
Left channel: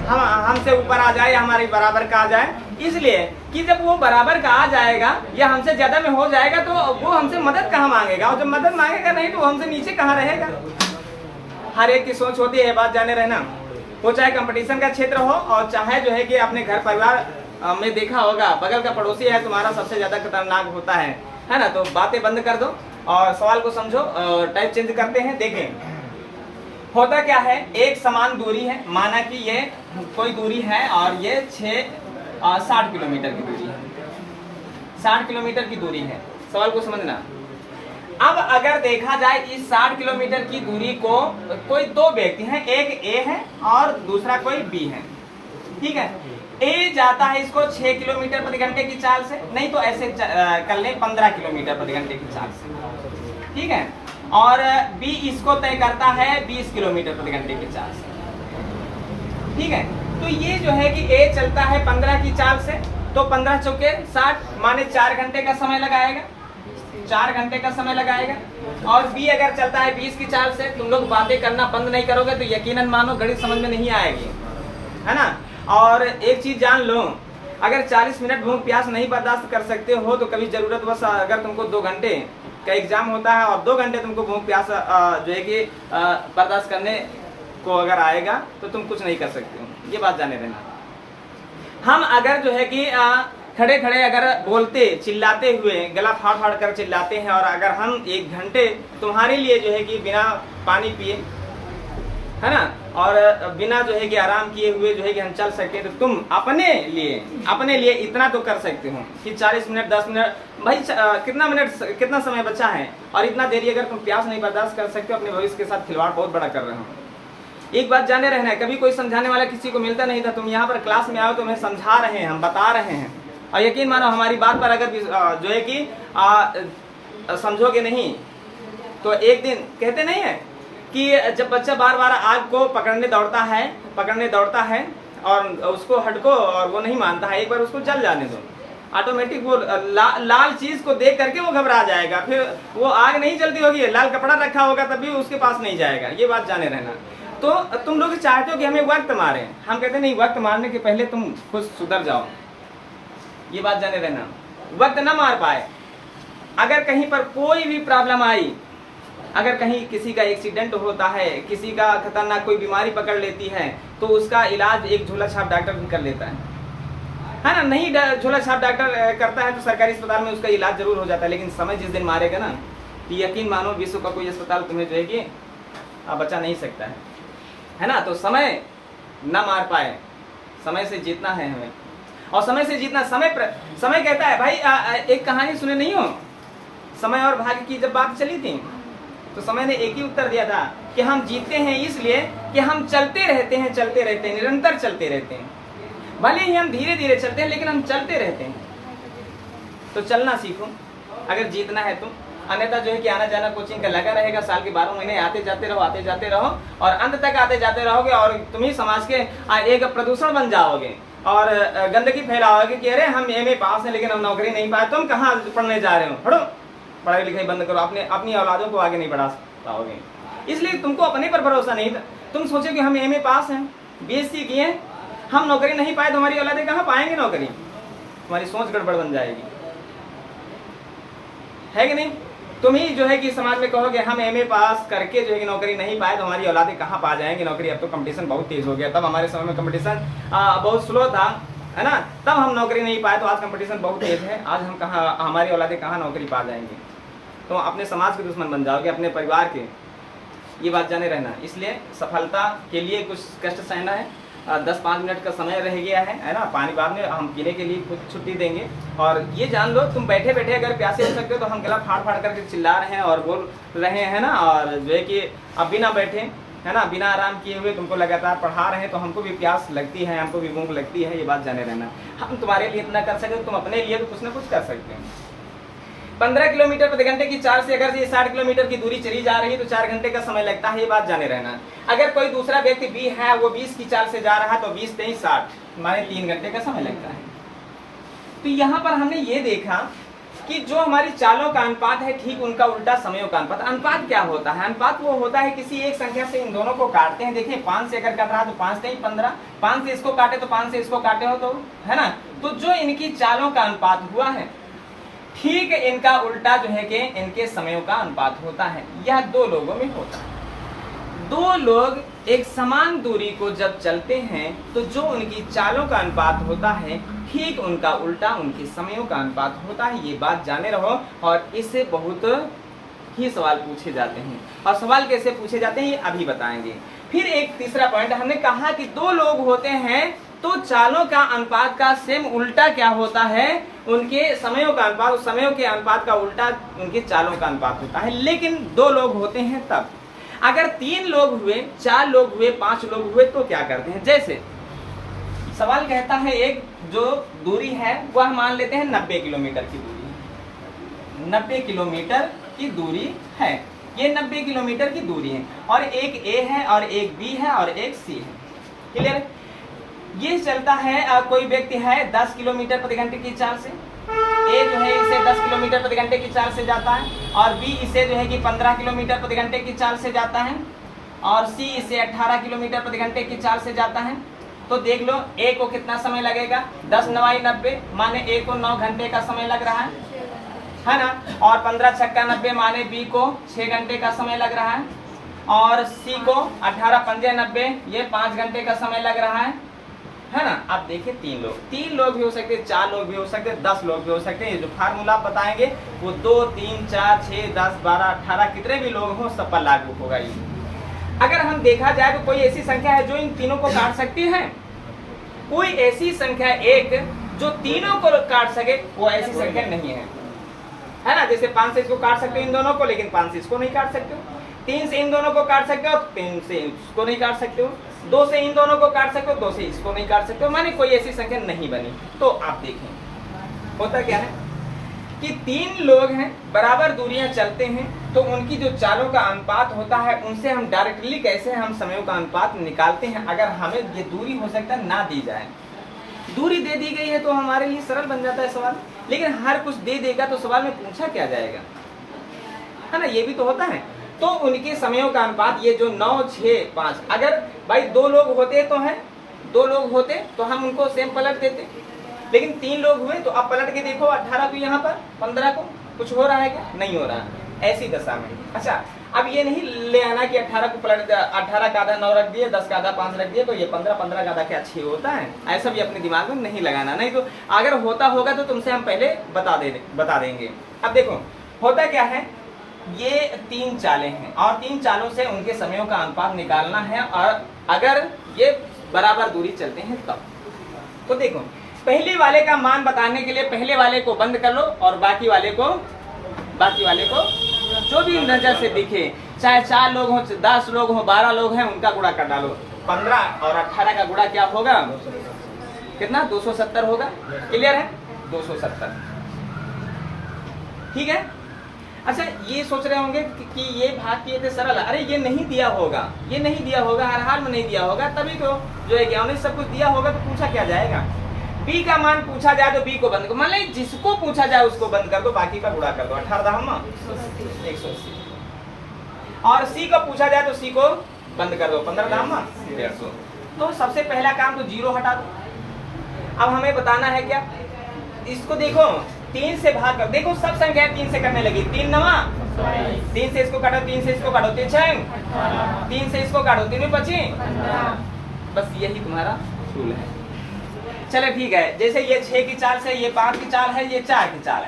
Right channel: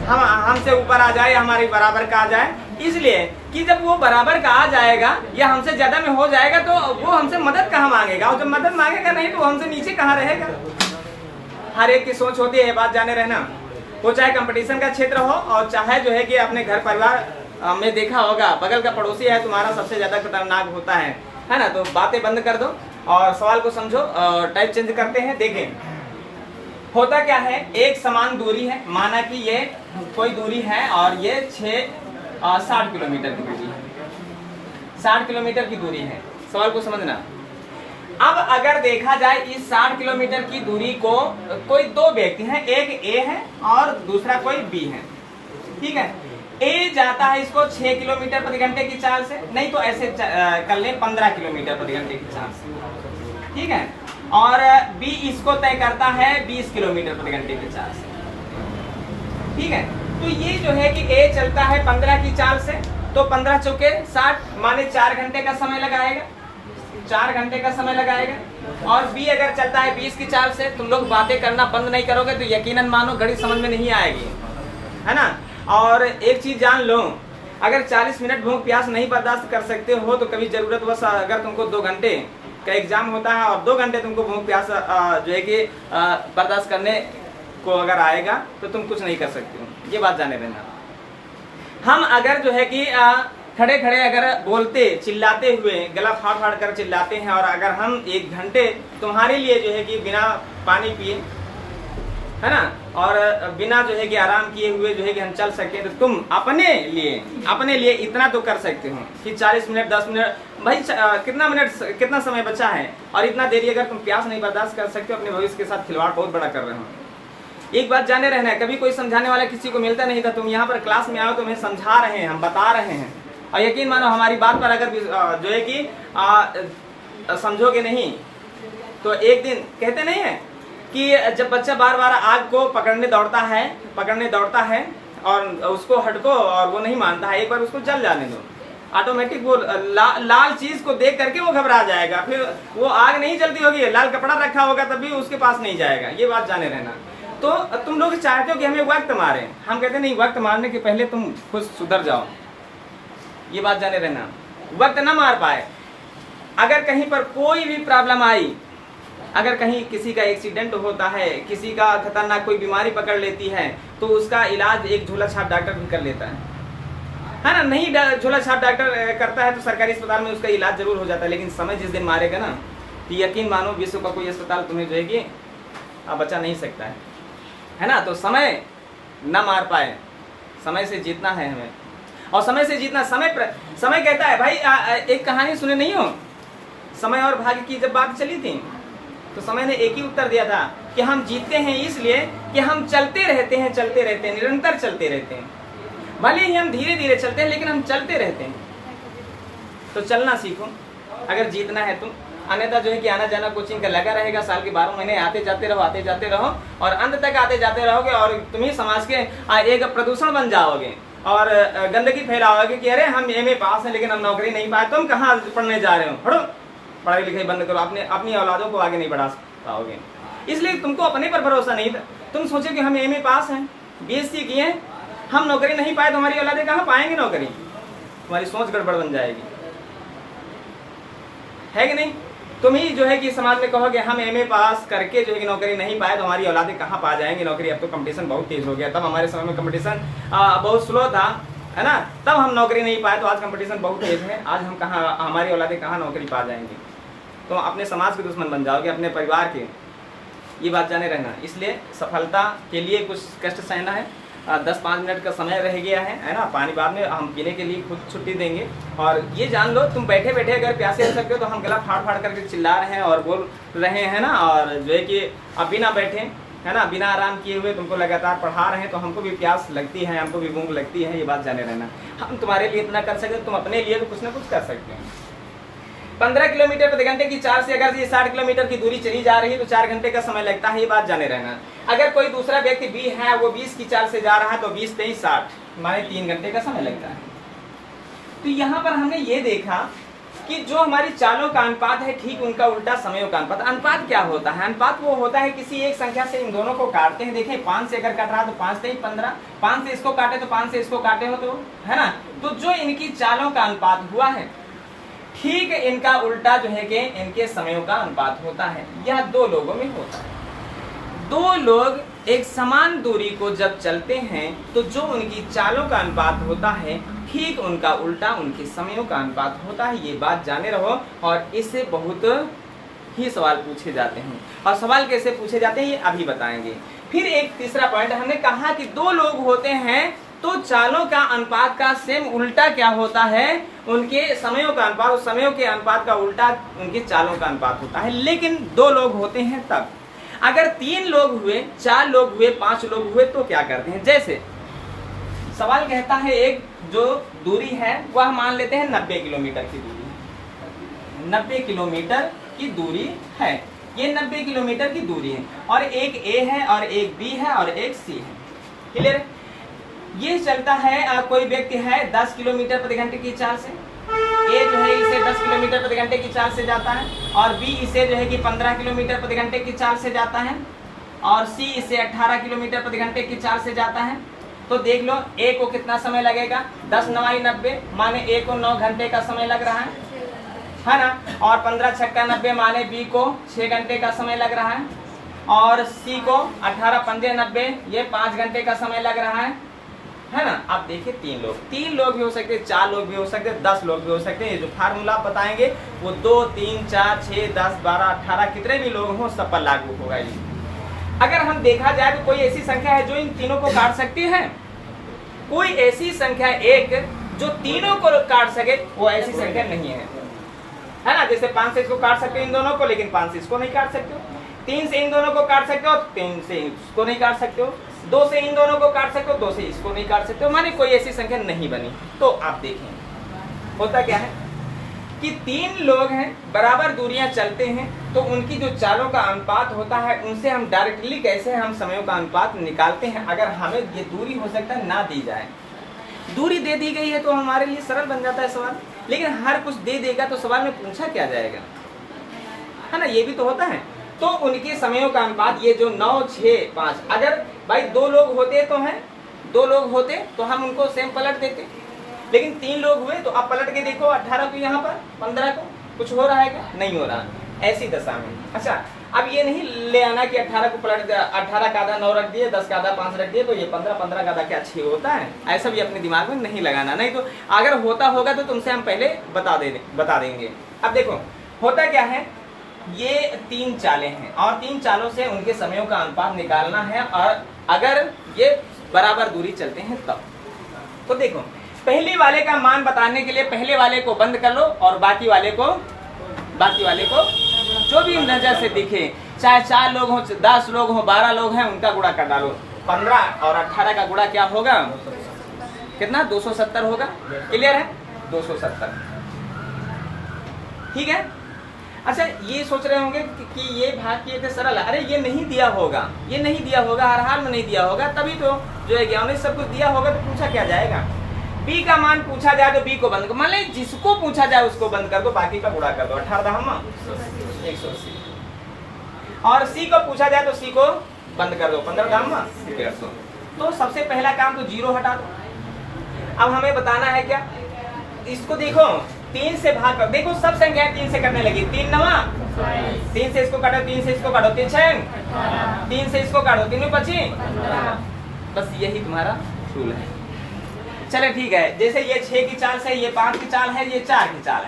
हमसे ऊपर आ जाए या हमारी बराबर का आ जाए, इसलिए कि जब वो बराबर का आ जाएगा या हमसे ज्यादा में हो जाएगा तो वो हमसे मदद कहाँ मांगेगा, और जब मदद मांगेगा नहीं तो वो हमसे नीचे कहाँ रहेगा। हर एक की सोच होती है, बात जाने रहना। वो चाहे कंपटीशन का क्षेत्र हो और चाहे जो है कि अपने घर परिवार में देखा होगा, बगल का पड़ोसी है तुम्हारा सबसे ज्यादा खतरनाक होता है ना। तो बातें बंद कर दो और सवाल को समझो और टाइप चेंज करते हैं। देखें होता क्या है, एक समान दूरी है, माना कि ये कोई दूरी है और ये 60 किलोमीटर की दूरी है, 60 किलोमीटर की दूरी है। सवाल को समझना। अब अगर देखा जाए इस 60 किलोमीटर की दूरी को कोई 2 व्यक्ति हैं, एक ए है और दूसरा कोई बी है, ठीक है। ए जाता है इसको 6 किलोमीटर प्रति घंटे की चाल से, नहीं तो ऐसे कर ले 15 किलोमीटर प्रति घंटे की चाल से, ठीक है। और बी इसको तय करता है 20 किलोमीटर प्रति घंटे की चाल से, ठीक है। तो ये जो है कि ए चलता है 15 की चाल से, तो 15 चौके 60 माने 4 घंटे का समय लगाएगा, 4 घंटे का समय लगाएगा। और बी अगर चलता है 20 की चाल से, तुम लोग बातें करना बंद नहीं करोगे तो यकीनन मानो गणित समझ में नहीं आएगी, है ना। और एक चीज जान लो, अगर 40 मिनट भूख प्यास नहीं बर्दाश्त कर सकते हो तो कभी जरूरत बस अगर तुमको 2 घंटे का एग्जाम होता है और 2 घंटे तुमको भूख प्यास जो है कि बर्दाश्त करने को अगर आएगा तो तुम कुछ नहीं कर सकते हो, ये बात जाने देना। हम अगर जो है कि खड़े खड़े अगर बोलते चिल्लाते हुए गला फाड़ फाड़ कर चिल्लाते हैं, और अगर हम 1 घंटे तुम्हारे लिए जो है कि बिना पानी पिए, है ना, और बिना जो है कि आराम किए हुए जो है कि हम चल सकते हैं, तो तुम अपने लिए इतना तो कर सकते हो कि 40 मिनट 10 मिनट भाई कितना समय बचा है, और इतना देरी अगर तुम प्यास नहीं बर्दाश्त कर सकते हो, अपने भविष्य के साथ खिलवाड़ बहुत बड़ा कर रहे हो। एक बात जाने रहना है, कभी कोई समझाने वाला किसी को मिलता नहीं था, तुम यहाँ पर क्लास में आओ, तुम्हें समझा रहे हैं, हम बता रहे हैं, और यकीन मानो हमारी बात पर अगर जो है कि समझोगे नहीं तो एक दिन कहते नहीं है कि जब बच्चा बार बार आग को पकड़ने दौड़ता है और उसको हटको और वो नहीं मानता है, एक बार उसको जल जाने दो, ऑटोमेटिक वो लाल चीज को देख करके वो घबरा जाएगा, फिर वो आग नहीं जलती होगी, लाल कपड़ा रखा होगा तब भी उसके पास नहीं जाएगा। ये बात जाने रहना। तो तुम लोग चाहते हो कि हमें वक्त मारे, हम कहते नहीं, वक्त मारने के पहले तुम खुद सुधर जाओ। ये बात जाने रहना, वक्त ना मार पाए। अगर कहीं पर कोई भी प्रॉब्लम आई, अगर कहीं किसी का एक्सीडेंट होता है, किसी का खतरनाक कोई बीमारी पकड़ लेती है, तो उसका इलाज एक झोला छाप डॉक्टर भी कर लेता है ना। नहीं झोला छाप डॉक्टर करता है तो सरकारी अस्पताल में उसका इलाज जरूर हो जाता है, लेकिन समय जिस दिन मारेगा ना, तो यकीन मानो विश्व का कोई अस्पताल तुम्हें जो है कि बचा नहीं सकता है ना। तो समय ना मार पाए, समय से जीतना है हमें, और समय से जीतना, समय कहता है भाई, एक कहानी सुने नहीं हो, समय और भाग्य की जब बात चली थी तो समय ने एक ही उत्तर दिया था कि हम जीतते हैं इसलिए कि हम चलते रहते हैं, निरंतर चलते रहते हैं। भले ही हम धीरे धीरे चलते हैं, लेकिन हम चलते रहते हैं। तो चलना सीखो अगर जीतना है तो, अन्यथा जो है कि आना जाना कोचिंग का लगा रहेगा, साल के 12 महीने आते जाते रहो और अंत तक आते जाते रहोगे, और तुम ही समाज के एक प्रदूषण बन जाओगे और गंदगी फैलाओगे कि अरे हम MA पास हैं लेकिन हम नौकरी नहीं पाए। तुम कहाँ पढ़ने जा रहे हो, हटो, पढ़ाई लिखाई बंद करो, अपनी औलादों को आगे नहीं बढ़ा पाओगे। इसलिए तुमको अपने पर भरोसा नहीं था। तुम सोचे कि हम MA पास हैं, BSc किए, हम नौकरी नहीं पाए तो हमारी औलादें कहाँ पाएंगे नौकरी। तुम्हारी सोच गड़बड़ बन जाएगी, है कि नहीं। तुम ही जो है कि समाज में कहोगे हम MA पास करके जो है कि नौकरी नहीं पाए तो हमारी औलादें कहाँ पा जाएंगी नौकरी। अब तो कंपटीशन बहुत तेज हो गया, तब हमारे समय में कंपटीशन बहुत स्लो था, है ना, तब हम नौकरी नहीं पाए, तो आज कंपटीशन बहुत तेज है, आज हम कहाँ, हमारी औलादें कहाँ नौकरी पा जाएंगी। तो अपने समाज के दुश्मन बन जाओगे, अपने परिवार के। ये बात जाने रहना। इसलिए सफलता के लिए कुछ कष्ट सहना है। 10-5 मिनट का समय रह गया है ना, पानी बाद में हम पीने के लिए खुद छुट्टी देंगे। और ये जान लो, तुम बैठे बैठे अगर प्यासे हो सकते हो तो हम गला फाड़ फाड़ करके चिल्ला रहे हैं और बोल रहे हैं ना, और जो है कि अब बिना बैठे, है ना, बिना आराम किए हुए तुमको लगातार पढ़ा रहे हैं, तो हमको भी प्यास लगती है, हमको भी भूख लगती है। ये बात जाने रहना। हम तुम्हारे लिए इतना कर सकते, तुम अपने लिए भी कुछ ना कुछ कर सकते हैं। 15 किलोमीटर प्रति घंटे की चाल से अगर ये 60 किलोमीटर की दूरी चली जा रही है तो 4 घंटे का समय लगता है। ये बात जाने रहना। अगर कोई दूसरा व्यक्ति भी है, वो 20 की चाल से जा रहा है तो 20 पे 60 माने 3 घंटे का समय लगता है। तो यहाँ पर हमने ये देखा कि जो हमारी चालों का अनुपात है, ठीक उनका उल्टा समयों का अनुपात। अनुपात क्या होता है? अनुपात वो होता है किसी एक संख्या से इन दोनों को काटते हैं। देखिए 5 से अगर काट रहा है तो 5 से 15, 5 से इसको काटे तो 5 से इसको काटे हो, तो है ना। तो जो इनकी चालों का अनुपात हुआ है, ठीक इनका उल्टा जो है कि इनके समयों का अनुपात होता है। यह 2 लोगों में होता है। 2 लोग एक समान दूरी को जब चलते हैं तो जो उनकी चालों का अनुपात होता है, ठीक उनका उल्टा उनके समयों का अनुपात होता है। ये बात जाने रहो। और इससे बहुत ही सवाल पूछे जाते हैं, और सवाल कैसे पूछे जाते हैं ये अभी बताएंगे। फिर एक तीसरा पॉइंट, हमने कहा कि 2 लोग होते हैं तो चालों का अनुपात का सेम उल्टा क्या होता है, उनके समयों का अनुपात, उस समयों के अनुपात का उल्टा उनके चालों का अनुपात होता है। लेकिन 2 लोग होते हैं तब। अगर 3 लोग हुए, 4 लोग हुए, 5 लोग हुए तो क्या करते हैं? जैसे सवाल कहता है एक जो दूरी है वह मान लेते हैं 90 किलोमीटर की दूरी है। 90 किलोमीटर की दूरी है, ये 90 किलोमीटर की दूरी है, और एक A है और एक B है और एक C है। क्लियर? ये चलता है, कोई व्यक्ति है 10 किलोमीटर प्रति घंटे की चाल से। A जो है इसे 10 किलोमीटर प्रति घंटे की चाल से जाता है, और B इसे जो है कि 15 किलोमीटर प्रति घंटे की चाल से जाता है, और C इसे 18 किलोमीटर प्रति घंटे की चाल से जाता है। तो देख लो A को कितना समय लगेगा, 10 9 90 माने A को 9 घंटे का समय लग रहा है ना, और 15 छक्का 90 माने B को 6 घंटे का समय लग रहा है, और C को 18 पंजे 90 ये 5 घंटे का समय लग रहा है ना। अब देखिए 3 लोग भी हो सकते, 4 लोग भी हो सकते, 10 लोग भी हो सकते हैं। जो फार्मूला बताएंगे वो 2 3 4 6 10 12 18 कितने भी लोग हों सब पर लागू होगा ये। अगर हम देखा जाए तो कोई ऐसी संख्या है जो इन तीनों को काट सकती है? कोई ऐसी संख्या एक जो तीनों को काट सके वो ऐसी संख्या नहीं है ना। जैसे 5 से इसको काट सकते हो इन दोनों को, लेकिन 5 से इसको नहीं काट सकते हो। 3 से इन दोनों को काट सकते हो, 3 से इसको नहीं काट सकते हो। 2 से इन दोनों को काट सकते हो, 2 से इसको नहीं काट सकते हो। माने कोई ऐसी संख्या नहीं बनी। तो आप देखें होता क्या है कि 3 लोग हैं, बराबर दूरियां चलते हैं, तो उनकी जो चालों का अनुपात होता है उनसे हम डायरेक्टली कैसे हम समयों का अनुपात निकालते हैं। अगर हमें ये दूरी हो सकता है ना दी जाए, दूरी दे दी गई है तो हमारे लिए सरल बन जाता है सवाल, लेकिन हर कुछ दे देगा तो सवाल में पूछा क्या जाएगा, है ना। ये भी तो होता है। तो उनके समयों का अनुपात ये जो 9, 6, 5, अगर भाई 2 लोग होते तो हैं, 2 लोग होते तो हम उनको सेम पलट देते, लेकिन 3 लोग हुए तो आप पलट के देखो 18 को यहाँ पर, 15 को, कुछ हो रहा है क्या? नहीं हो रहा। ऐसी दशा में अच्छा अब ये नहीं ले आना कि 18 को पलट 18 का आधा 9 रख दिए, 10 का आधा 5 रख दिए तो ये 15, 15 का आधा क्या 6 होता है। ऐसा भी अपने दिमाग में नहीं लगाना, नहीं तो अगर होता होगा तो तुमसे हम पहले बता देंगे। अब देखो होता क्या है, ये 3 चालें हैं और 3 चालों से उनके समयों का अनुपात निकालना है, और अगर ये बराबर दूरी चलते हैं तब। तो देखो पहले वाले का मान बताने के लिए पहले वाले को बंद कर लो और बाकी वाले को जो भी नजर से दिखे, चाहे 4 लोग हो, 10 लोग हो, 12 लोग हैं, उनका गुणा कर डालो। 15 और 18 का गुणा क्या होगा? कितना? 270 होगा। क्लियर है? 270। ठीक है। अच्छा ये सोच रहे होंगे कि ये भाग किए थे सरल, अरे ये नहीं दिया होगा, ये नहीं दिया होगा, हर हाल में नहीं दिया होगा, तभी तो जो है ज्ञान सब कुछ दिया होगा तो पूछा क्या जाएगा। बी का मान पूछा जाए तो बी को बंद कर, मान ली जिसको पूछा जाए उसको बंद कर दो, बाकी का गुणा कर दो। 18 180। और सी को पूछा जाए तो सी को बंद कर दो, 15 150। तो सबसे पहला काम तो 0 हटा दो। अब हमें बताना है क्या, इसको देखो 3 से भाग कर, देखो सब संख्या 3 से करने लगी। 3 9 3 से इसको काटो, 3 से इसको काटो, 3 6 3 से इसको काटो, 3 में 25। बस यही तुम्हारा रूल है। चले ठीक है, जैसे ये 6 की चाल से, ये 5 की चाल है, ये 4 की चाल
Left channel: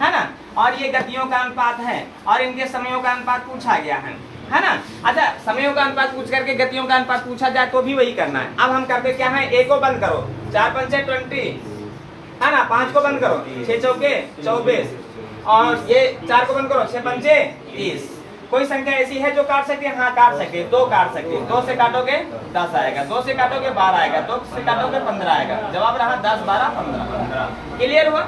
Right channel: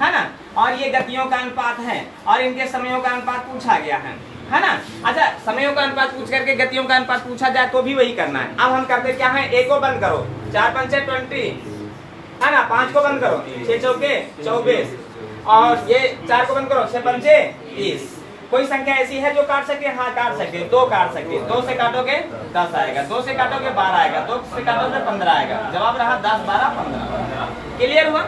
है ना, और ये गतियों का अनुपात है और इनके समयों का अनुपात पूछा गया है ना। अच्छा समयों का अनुपात पूछ करके गतियों का अनुपात पूछा जाए तो भी वही करना है। अब हम करते क्या है, ए को बंद करो, 4 5 20 है ना, 5 को बंद करो, 6 चौके 24, और ये 4 को बंद करो, 6 पंचे 30। कोई संख्या ऐसी है जो काट सके? हाँ काट सके, 2 काट सकते। 2 से काटोगे 10 आएगा, 2 से काटोगे 12 आएगा, 2 से काटोगे 15 आएगा। जवाब रहा 10 12 15। क्लियर हुआ?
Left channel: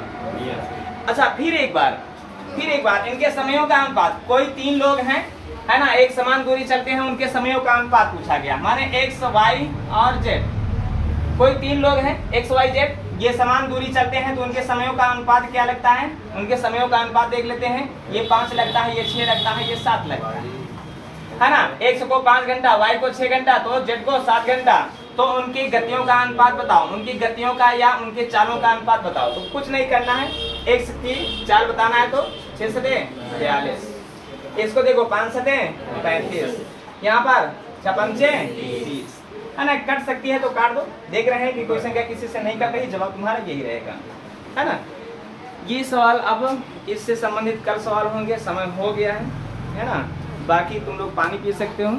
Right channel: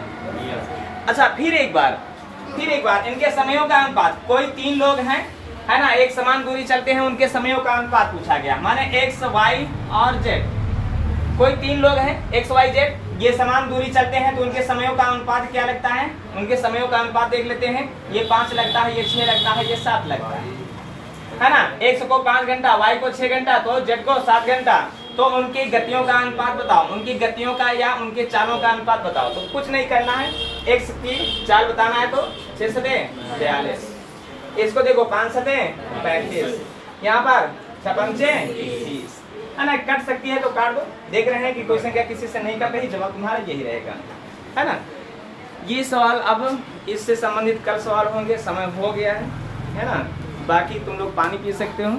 अच्छा फिर एक बार इनके समयों का अनुपात, कोई 3 लोग हैं है ना, एक समान दूरी चलते हैं, उनके समयों का अनुपात पूछा गया, माने x y और z। कोई 3 लोग हैं x y z, ये समान दूरी चलते हैं तो उनके समयों का अनुपात क्या लगता है? उनके समयों का अनुपात देख लेते हैं। ये 5 लगता है, ये 6 लगता है, ये 7 लगता है ना। x को 5 घंटा, y को 6 घंटा, तो z को 7 घंटा। तो उनकी गतियों का अनुपात बताओ, उनकी गतियों का या उनके चालों का अनुपात बताओ। तो कुछ नहीं करना है, x की चाल बताना है तो 6 सते 42, इसको देखो 5 सते 35, यहाँ पर 6 पंचे 30 है ना। कट सकती है तो काट दो। देख रहे हैं कि कोई संख्या किसी से नहीं कट रही, जवाब तुम्हारा यही रहेगा, है ना। ये सवाल अब इससे संबंधित कल सवाल होंगे, समय हो गया है ना। बाकी तुम लोग पानी पी सकते हो।